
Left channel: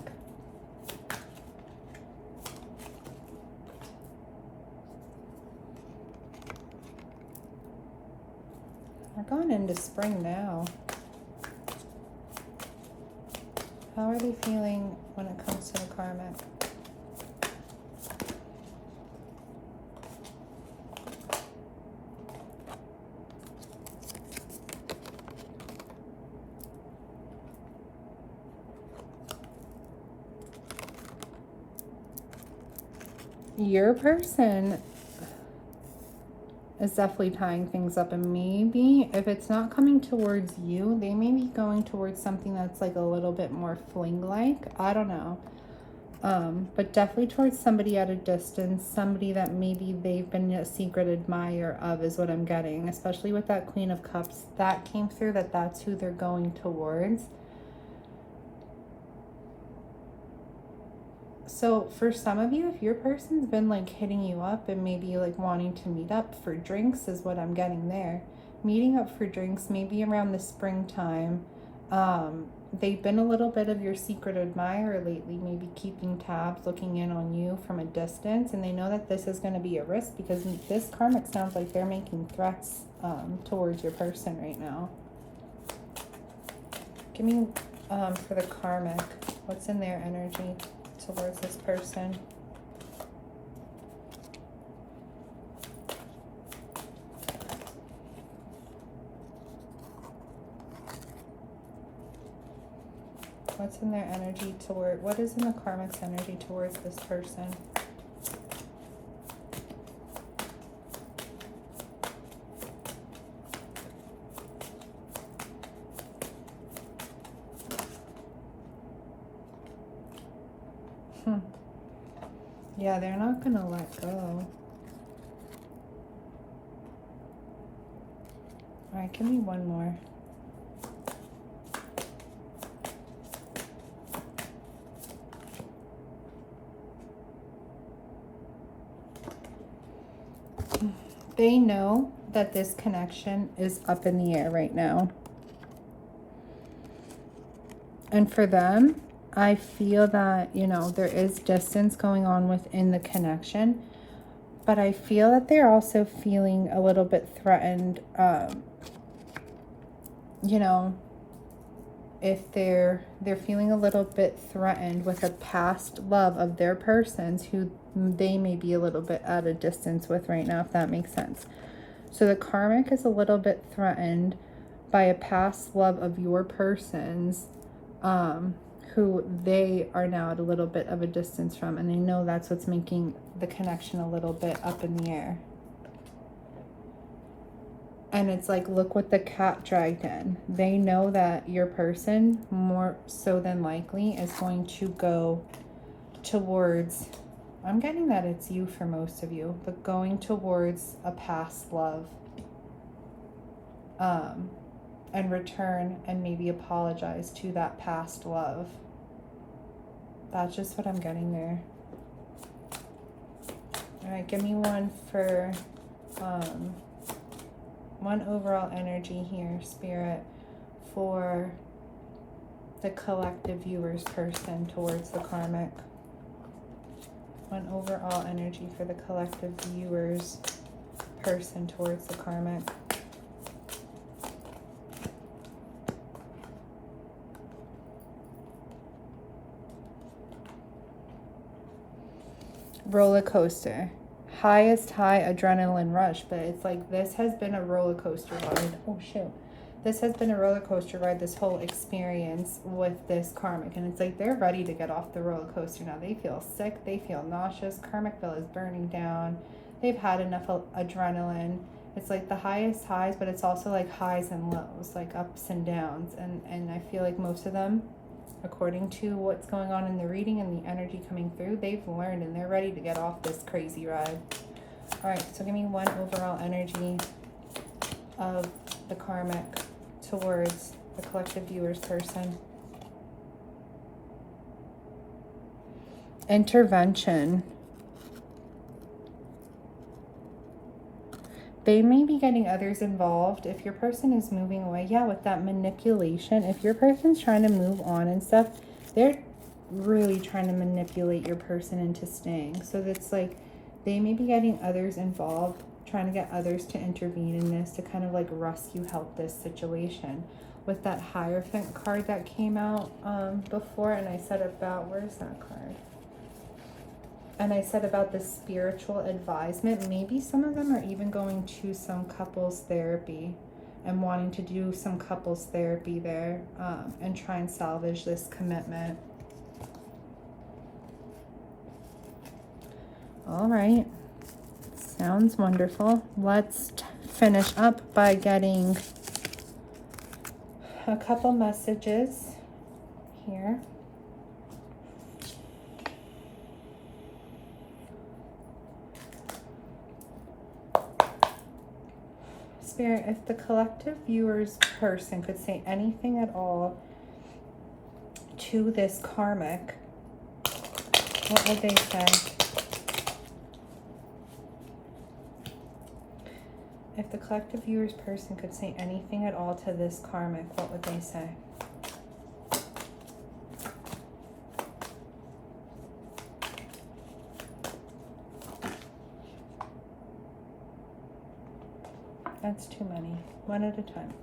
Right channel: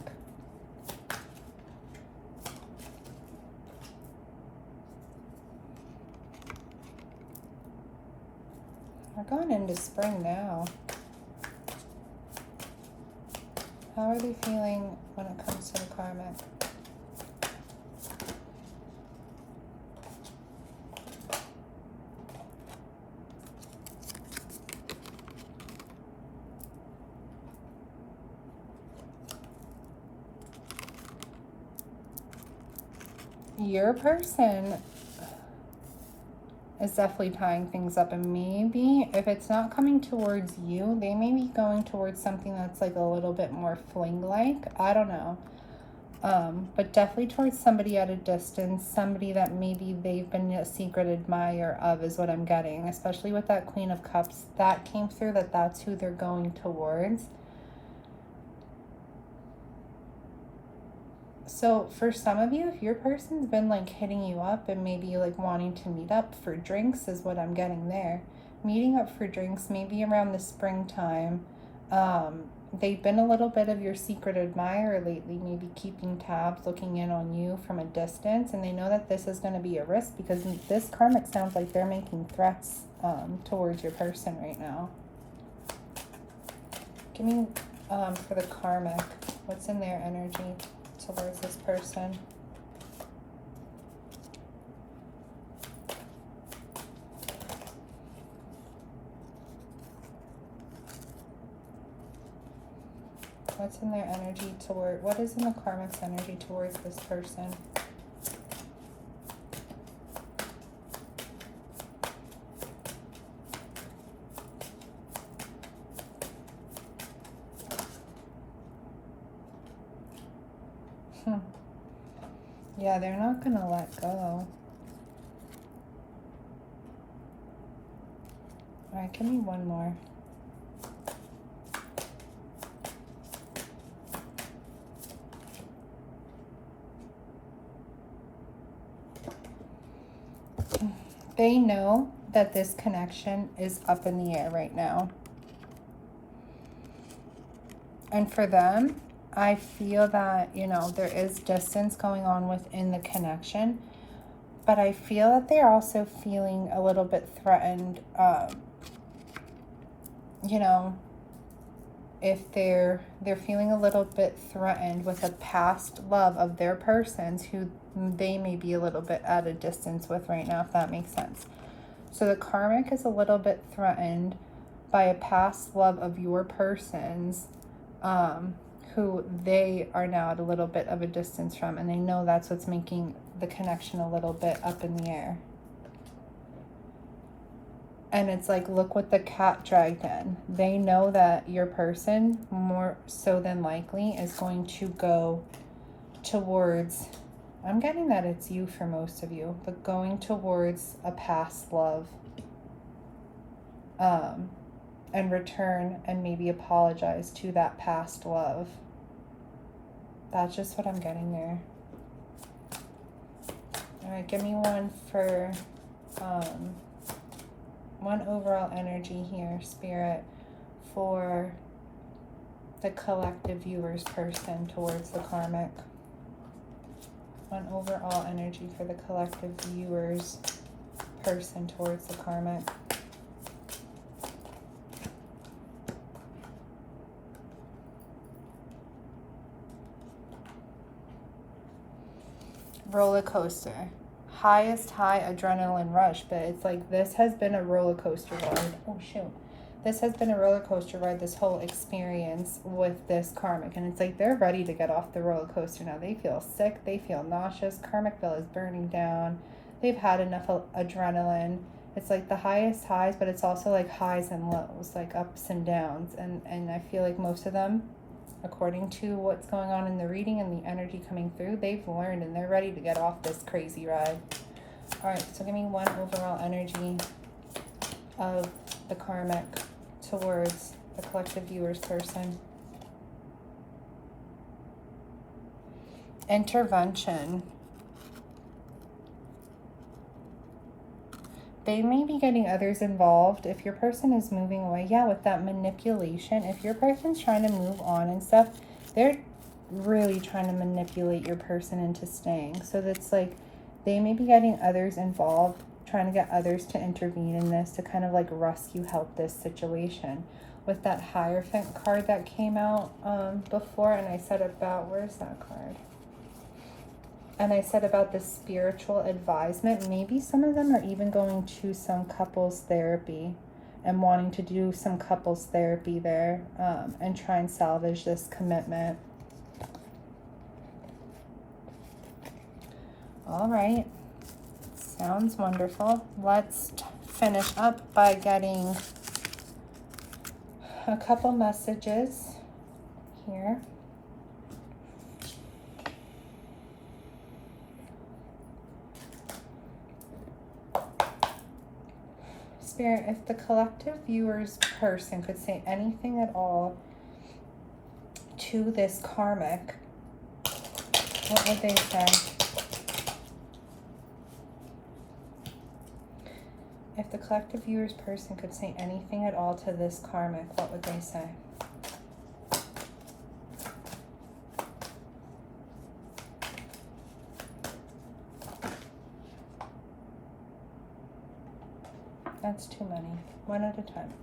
We're going into spring now. How are they feeling when it comes to the Karmic? Your person is definitely tying things up, and maybe if it's not coming towards you, they may be going towards something that's like a little bit more fling-like. I don't know. But definitely towards somebody at a distance, somebody that maybe they've been a secret admirer of is what I'm getting, especially with that Queen of Cups that came through, that's who they're going towards. So for some of you, if your person's been like hitting you up and maybe like wanting to meet up for drinks is what I'm getting there. Meeting up for drinks maybe around the springtime. they've been a little bit of your secret admirer lately, maybe keeping tabs, looking in on you from a distance, and they know that this is going to be a risk because this karmic sounds like they're making threats towards your person right now. Give me for the karmic, what's in their energy towards this person? What's in their energy toward, what is in the karmic's energy towards this person? Yeah, they're not gonna let go. All right, give me one more. They know that this connection is up in the air right now. And for them, I feel that, you know, there is distance going on within the connection, but I feel that they're also feeling a little bit threatened, you know, if they're feeling a little bit threatened with a past love of their person's who they may be a little bit at a distance with right now, if that makes sense. So the karmic is a little bit threatened by a past love of your person's, who they are now at a little bit of a distance from, and they know that's what's making the connection a little bit up in the air. And it's like, look what the cat dragged in. They know that your person, more so than likely, is going to go towards, I'm getting that it's you for most of you, but going towards a past love. And return and maybe apologize to that past love. That's just what I'm getting there. All right, give me one for one overall energy here, Spirit, for the collective viewers person towards the karmic. One overall energy for the collective viewers person towards the karmic. Roller coaster, highest high adrenaline rush, but it's like this has been a roller coaster ride. Oh shoot, this has been a roller coaster ride, this whole experience with this karmic, and it's like they're ready to get off the roller coaster now. They feel sick, they feel nauseous, karmic bill is burning down, they've had enough adrenaline. It's like the highest highs, but it's also like highs and lows, like ups and downs, and I feel like most of them, according to what's going on in the reading and the energy coming through, they've learned and they're ready to get off this crazy ride. All right, so give me one overall energy of the karmic towards the collective viewers person. Intervention. They may be getting others involved. If your person is moving away, yeah, with that manipulation, if your person's trying to move on and stuff, they're really trying to manipulate your person into staying. So that's like, they may be getting others involved, trying to get others to intervene in this, to kind of like rescue, help this situation. With that Hierophant card that came out before, and I said about, where's that card? And I said about the spiritual advisement, maybe some of them are even going to some couples therapy and wanting to do some couples therapy there and try and salvage this commitment. All right, sounds wonderful. Let's finish up by getting a couple messages here. Spirit, if the collective viewers person could say anything at all to this karmic, what would they say? If the collective viewers person could say anything at all to this karmic, what would they say? That's too many. One at a time.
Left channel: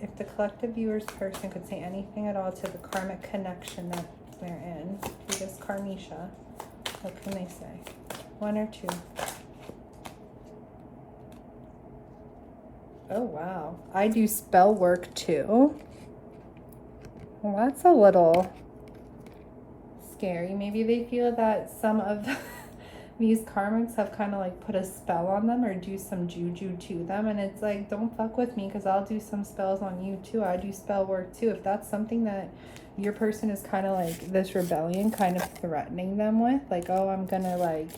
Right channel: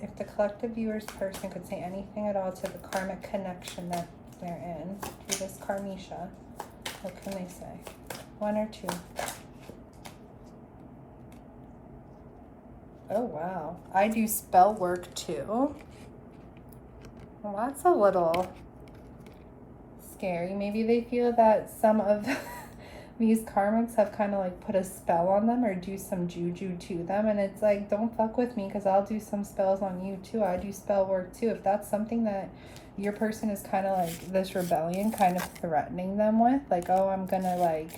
If the collective viewers person could say anything at all to the karmic connection that they're in, to this karmisha, what can they say? One or two? Oh, wow. I do spell work too. Well, that's a little scary. Maybe they feel that some of these karmics have kind of like put a spell on them or do some juju to them, and it's like, don't fuck with me because I'll do some spells on you too. I do spell work too. If that's something that your person is kind of like this rebellion kind of threatening them with, like, oh, I'm gonna like,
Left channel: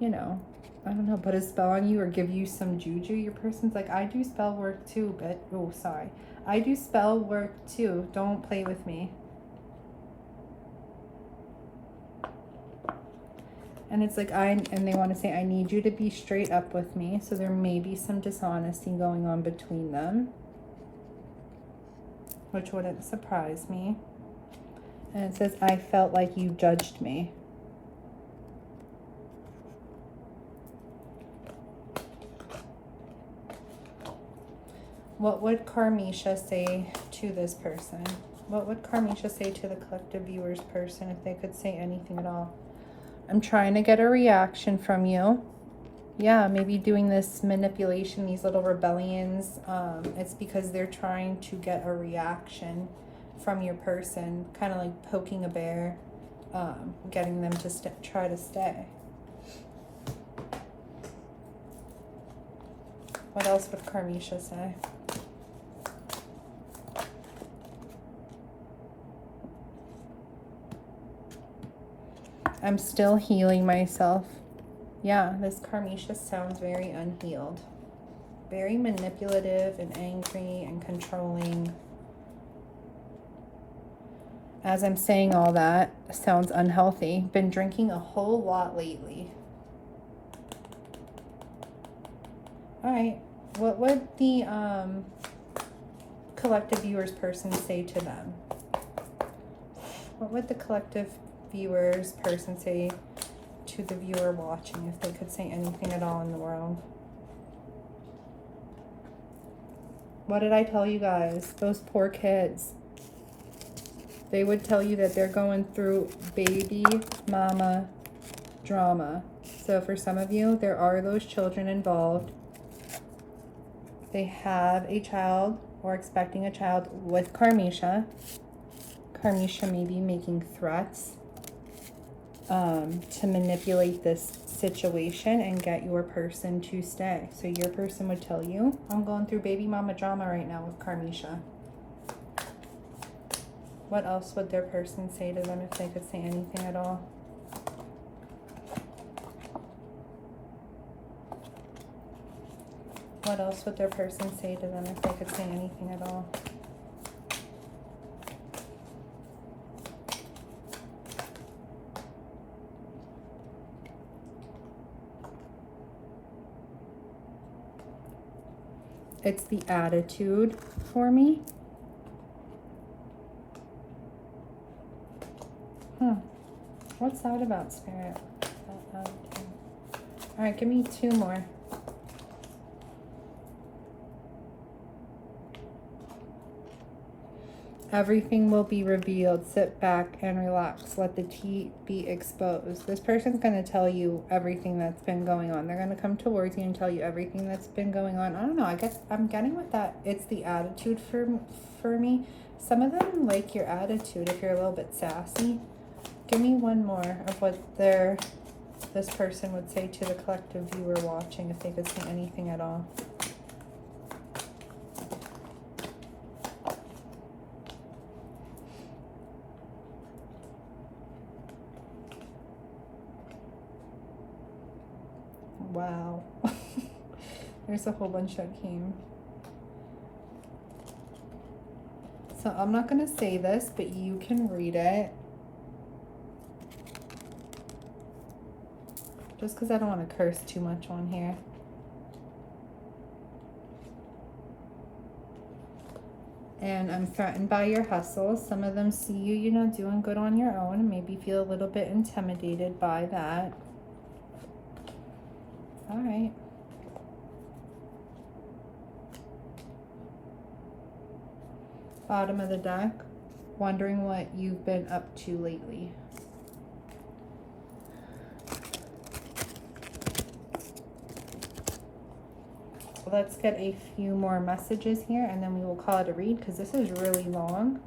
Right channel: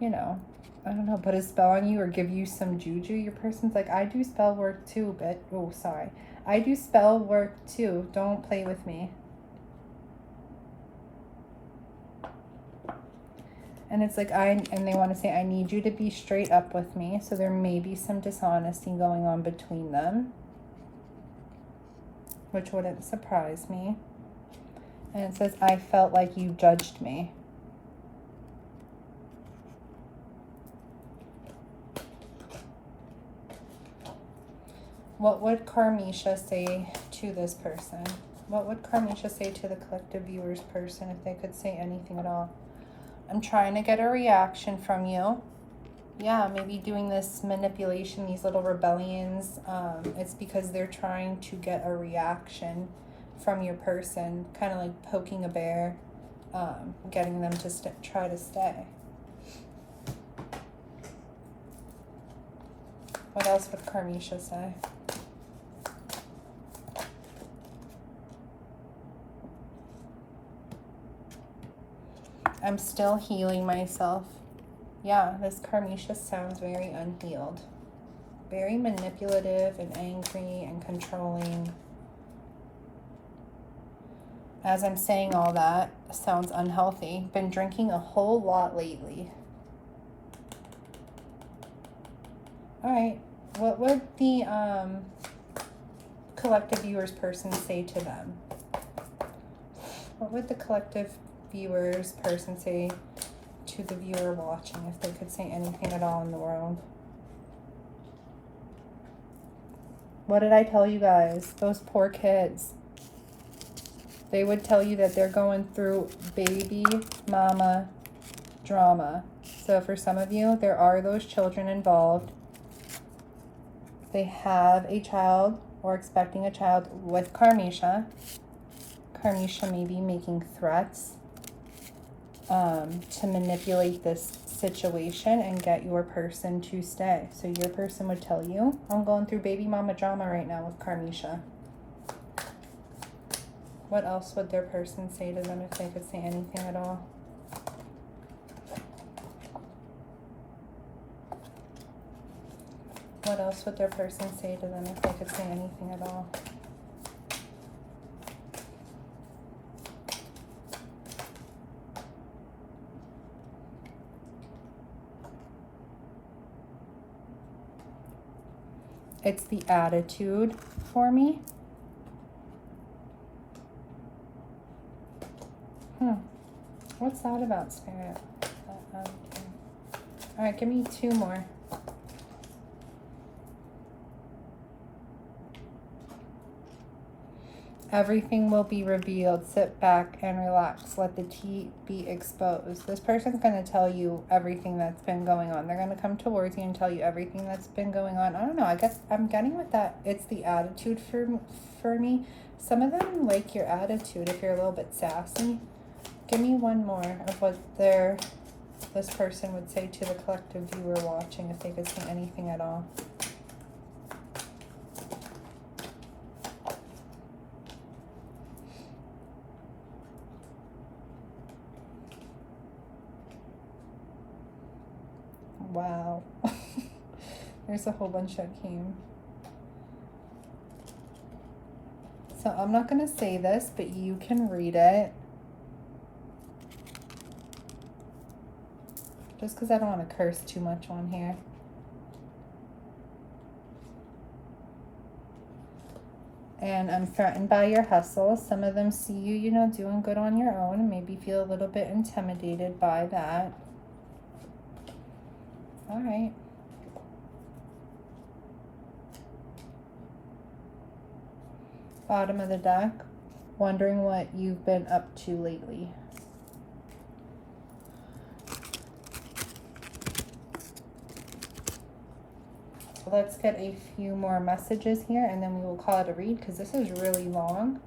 you know, I don't know, put a spell on you or give you some juju, your person's like, I do spell work too, but oh, sorry, I do spell work too, don't play with me. And it's like, and they want to say, I need you to be straight up with me. So there may be some dishonesty going on between them, which wouldn't surprise me. And it says, I felt like you judged me. What would Karmisha say to this person? What would Karmisha say to the collective viewers person if they could say anything at all? I'm trying to get a reaction from you. Yeah, maybe doing this manipulation, these little rebellions. It's because they're trying to get a reaction from your person, kind of like poking a bear, getting them to try to stay. What else would Karmisha say? I'm still healing myself. Yeah, this Karmisha sounds very unhealed. Very manipulative and angry and controlling. As I'm saying all that, sounds unhealthy. Been drinking a whole lot lately. All right, what would the collective viewers person say to them? What would the collective viewers person say to the viewer watching if they could say anything at all in the world? What did I tell you guys? Those poor kids. They would tell you that they're going through baby mama drama. So for some of you, there are those children involved. They have a child or expecting a child with Karmisha. Karmisha may be making threats to manipulate this situation and get your person to stay. So your person would tell you, I'm going through baby mama drama right now with Karmisha. What else would their person say to them if they could say anything at all? What else would their person say to them if they could say anything at all? It's the attitude for me. What's that about, Spirit? All right, give me two more. Everything will be revealed. Sit back and relax. Let the tea be exposed. This person's going to tell you everything that's been going on. They're going to come towards you and tell you everything that's been going on. I don't know. I guess I'm getting with that. It's the attitude for me. Some of them like your attitude if you're a little bit sassy. Give me one more of what this person would say to the collective viewer watching if they could say anything at all. Wow. There's a whole bunch that came. So I'm not going to say this, but you can read it. Just because I don't want to curse too much on here. And I'm threatened by your hustle. Some of them see you, you know, doing good on your own. Maybe feel a little bit intimidated by that. All right. Bottom of the deck. Wondering what you've been up to lately. So let's get a few more messages here and then we will call it a read, because this is really long.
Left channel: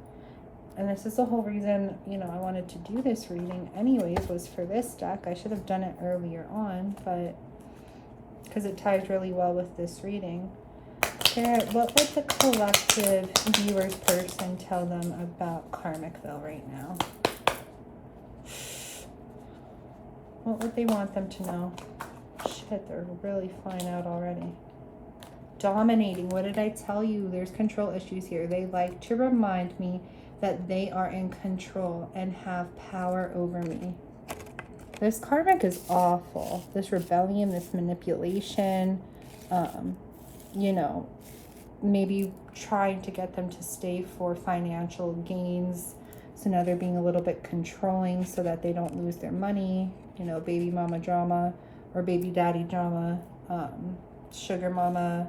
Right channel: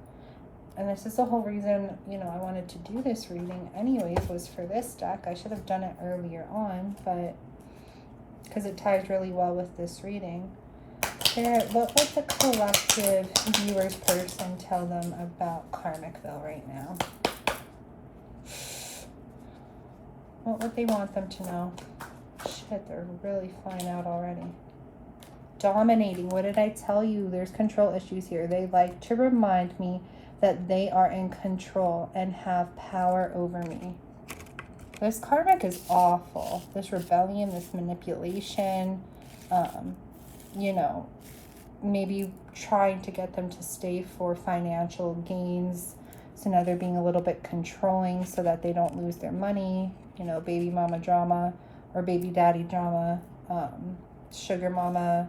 And this is the whole reason, you know, I wanted to do this reading anyways, was for this deck. I should have done it earlier on, but because it ties really well with this reading. Spirit, what would the collective viewer's person tell them about Karmicville right now? What would they want them to know? Shit, they're really flying out already. Dominating. What did I tell you? There's control issues here. They like to remind me that they are in control and have power over me. This karmic is awful. This rebellion, this manipulation, you know, maybe trying to get them to stay for financial gains. So now they're being a little bit controlling so that they don't lose their money. You know, baby mama drama or baby daddy drama, sugar mama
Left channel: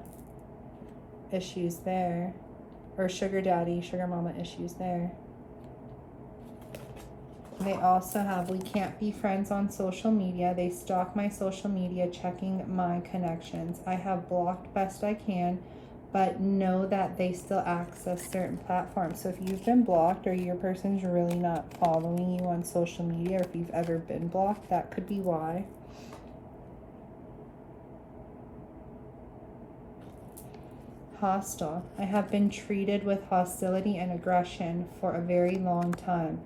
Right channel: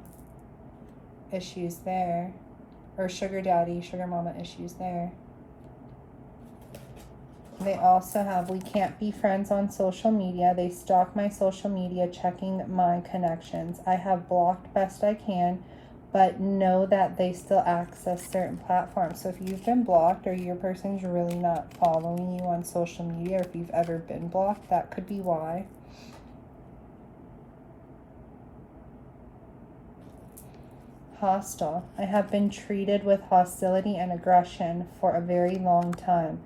issues there, or sugar daddy, sugar mama issues there. They also have, we can't be friends on social media. They stalk my social media, checking my connections. I have blocked best I can, but know that they still access certain platforms. So if you've been blocked or your person's really not following you on social media, or if you've ever been blocked, that could be why. Hostile. I have been treated with hostility and aggression for a very long time.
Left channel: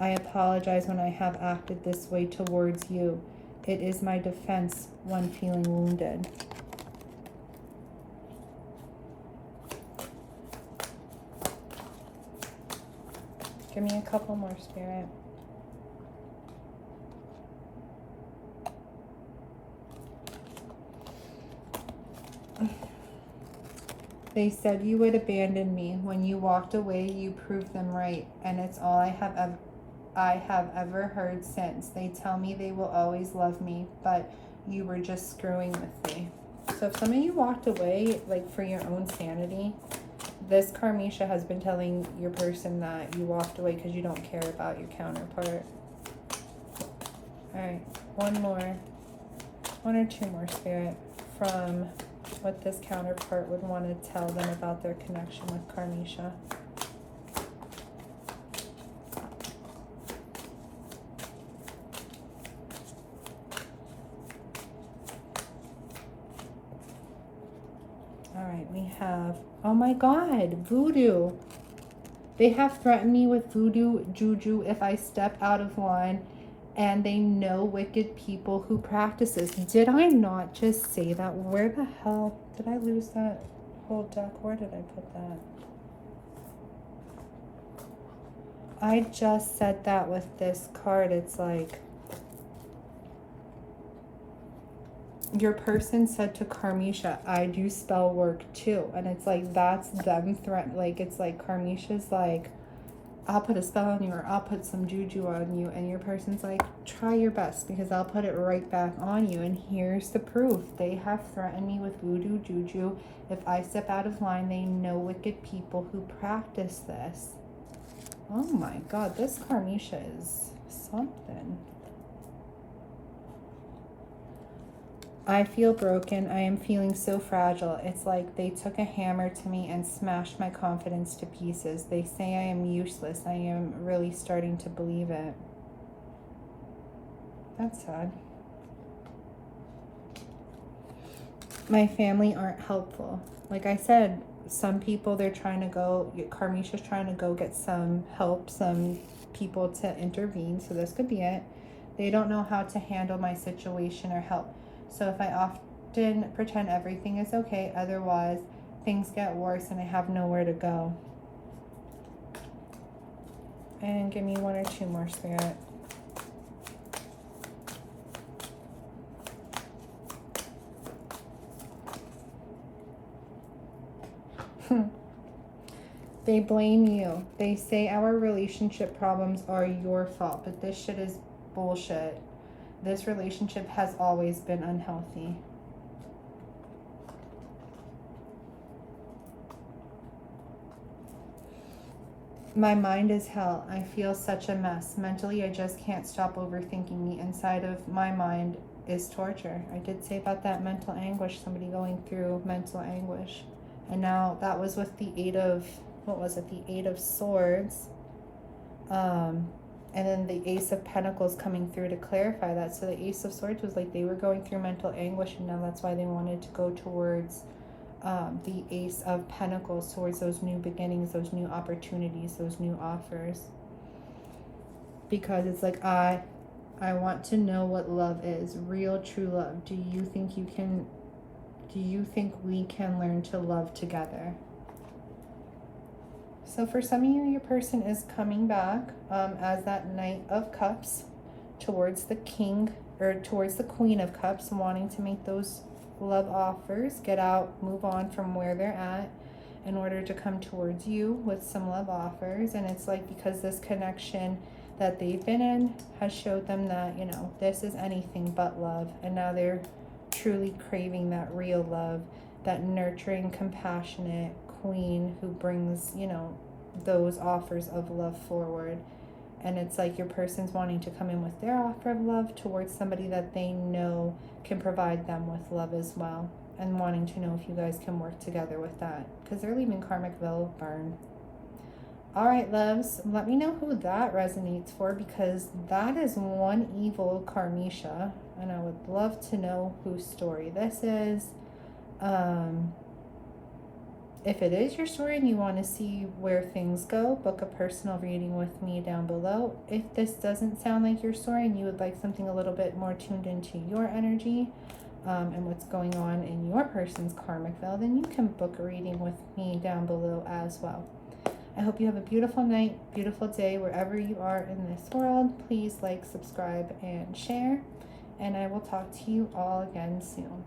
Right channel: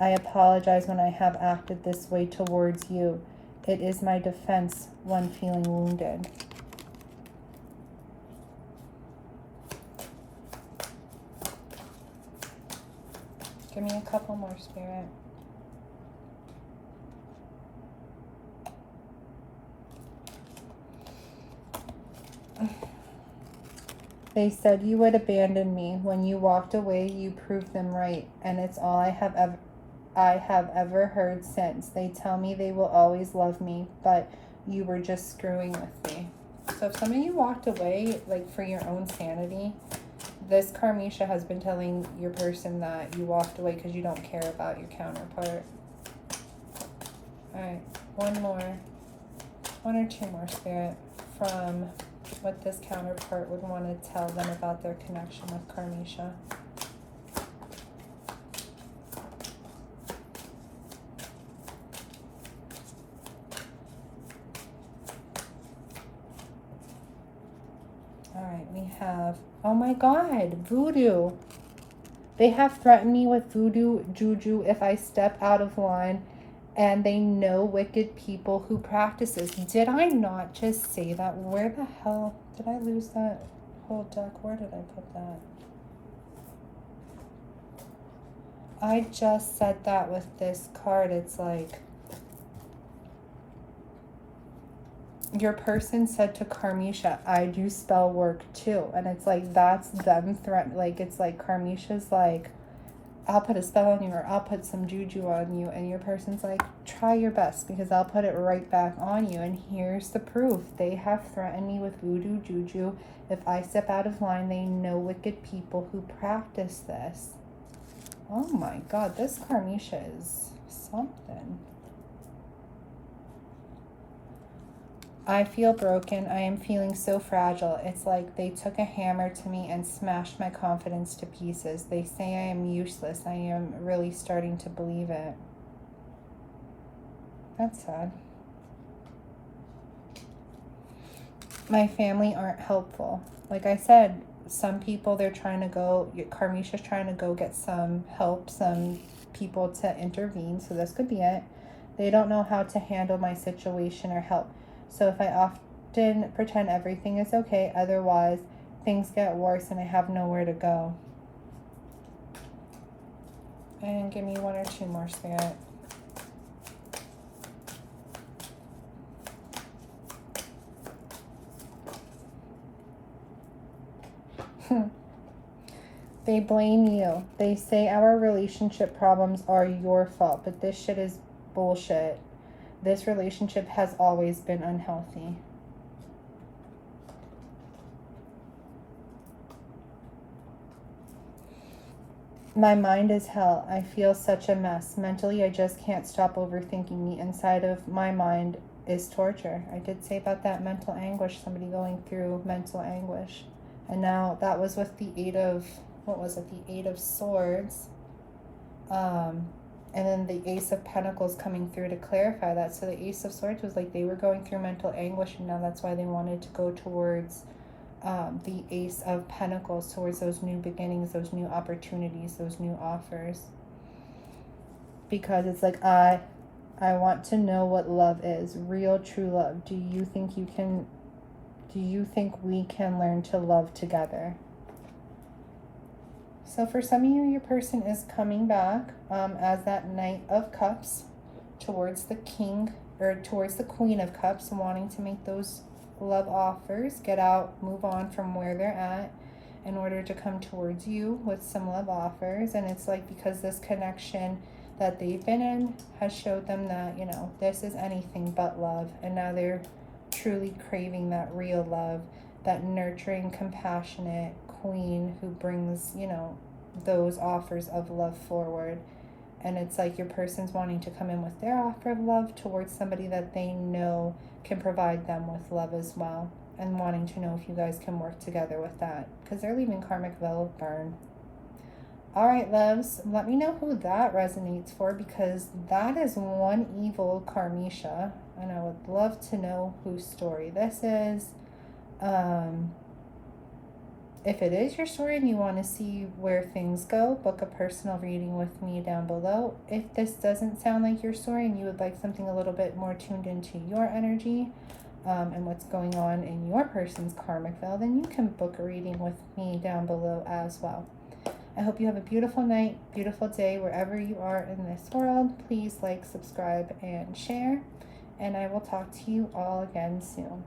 I apologize when I have acted this way towards you. It is my defense when feeling wounded. Give me a couple more, Spirit. They said you would abandon me. When you walked away, you proved them right, and it's all I have ever heard since. They tell me they will always love me, but you were just screwing with me. So if some of you walked away, like for your own sanity, this Karmisha has been telling your person that you walked away because you don't care about your counterpart. All right, one or two more, Spirit, from what this counterpart would want to tell them about their connection with Karmisha. All right, we have, oh my God, voodoo. They have threatened me with voodoo juju if I step out of line, and they know wicked people who practice this. Did I not just say that? Where the hell did I lose that whole deck? Where did I put that? I just said that with this card. It's like, your person said to Karmisha, I do spell work too. And it's like, that's them threatening. Like, it's like Karmisha's like, I'll put a spell on you, or I'll put some juju on you. And your person's like, try your best because I'll put it right back on you. And here's the proof. They have threatened me with voodoo juju. If I step out of line, they know wicked people who practice this. Oh my God, this Karmisha is something. I feel broken. I am feeling so fragile. It's like they took a hammer to me and smashed my confidence to pieces. They say I am useless. I am really starting to believe it. That's sad. My family aren't helpful. Like I said, some people, they're trying to go, Karmisha's trying to go get some help, some people to intervene. So this could be it. They don't know how to handle my situation or help. So if I often pretend everything is okay, otherwise things get worse and I have nowhere to go. And give me one or two more, Spirit. They blame you. They say our relationship problems are your fault, but this shit is bullshit. This relationship has always been unhealthy. My mind is hell. I feel such a mess. Mentally, I just can't stop overthinking. The inside of my mind is torture. I did say about that mental anguish, somebody going through mental anguish. And now that was with the Eight of, what was it? The Eight of Swords. And then the Ace of Pentacles coming through to clarify that. So the Ace of Swords was like they were going through mental anguish, and now that's why they wanted to go towards the Ace of Pentacles, towards those new beginnings, those new opportunities, those new offers. Because it's like, I want to know what love is, real, true love. Do you think we can learn to love together? So for some of you, your person is coming back as that Knight of Cups towards the King, or towards the Queen of Cups, wanting to make those love offers, get out, move on from where they're at in order to come towards you with some love offers. And it's like, because this connection that they've been in has showed them that, you know, this is anything but love. And now they're truly craving that real love, that nurturing, compassionate queen who brings, you know, those offers of love forward. And it's like your person's wanting to come in with their offer of love towards somebody that they know can provide them with love as well, and wanting to know if you guys can work together with that, because they're leaving karmic veil burn. All right, loves, let me know who that resonates for, because that is one evil karmisha, and I would love to know whose story this is. If it is your story and you want to see where things go, book a personal reading with me down below. If this doesn't sound like your story and you would like something a little bit more tuned into your energy and what's going on in your person's karmic veil, then you can book a reading with me down below as well. I hope you have a beautiful night, beautiful day, wherever you are in this world. Please like, subscribe, and share. And I will talk to you all again soon.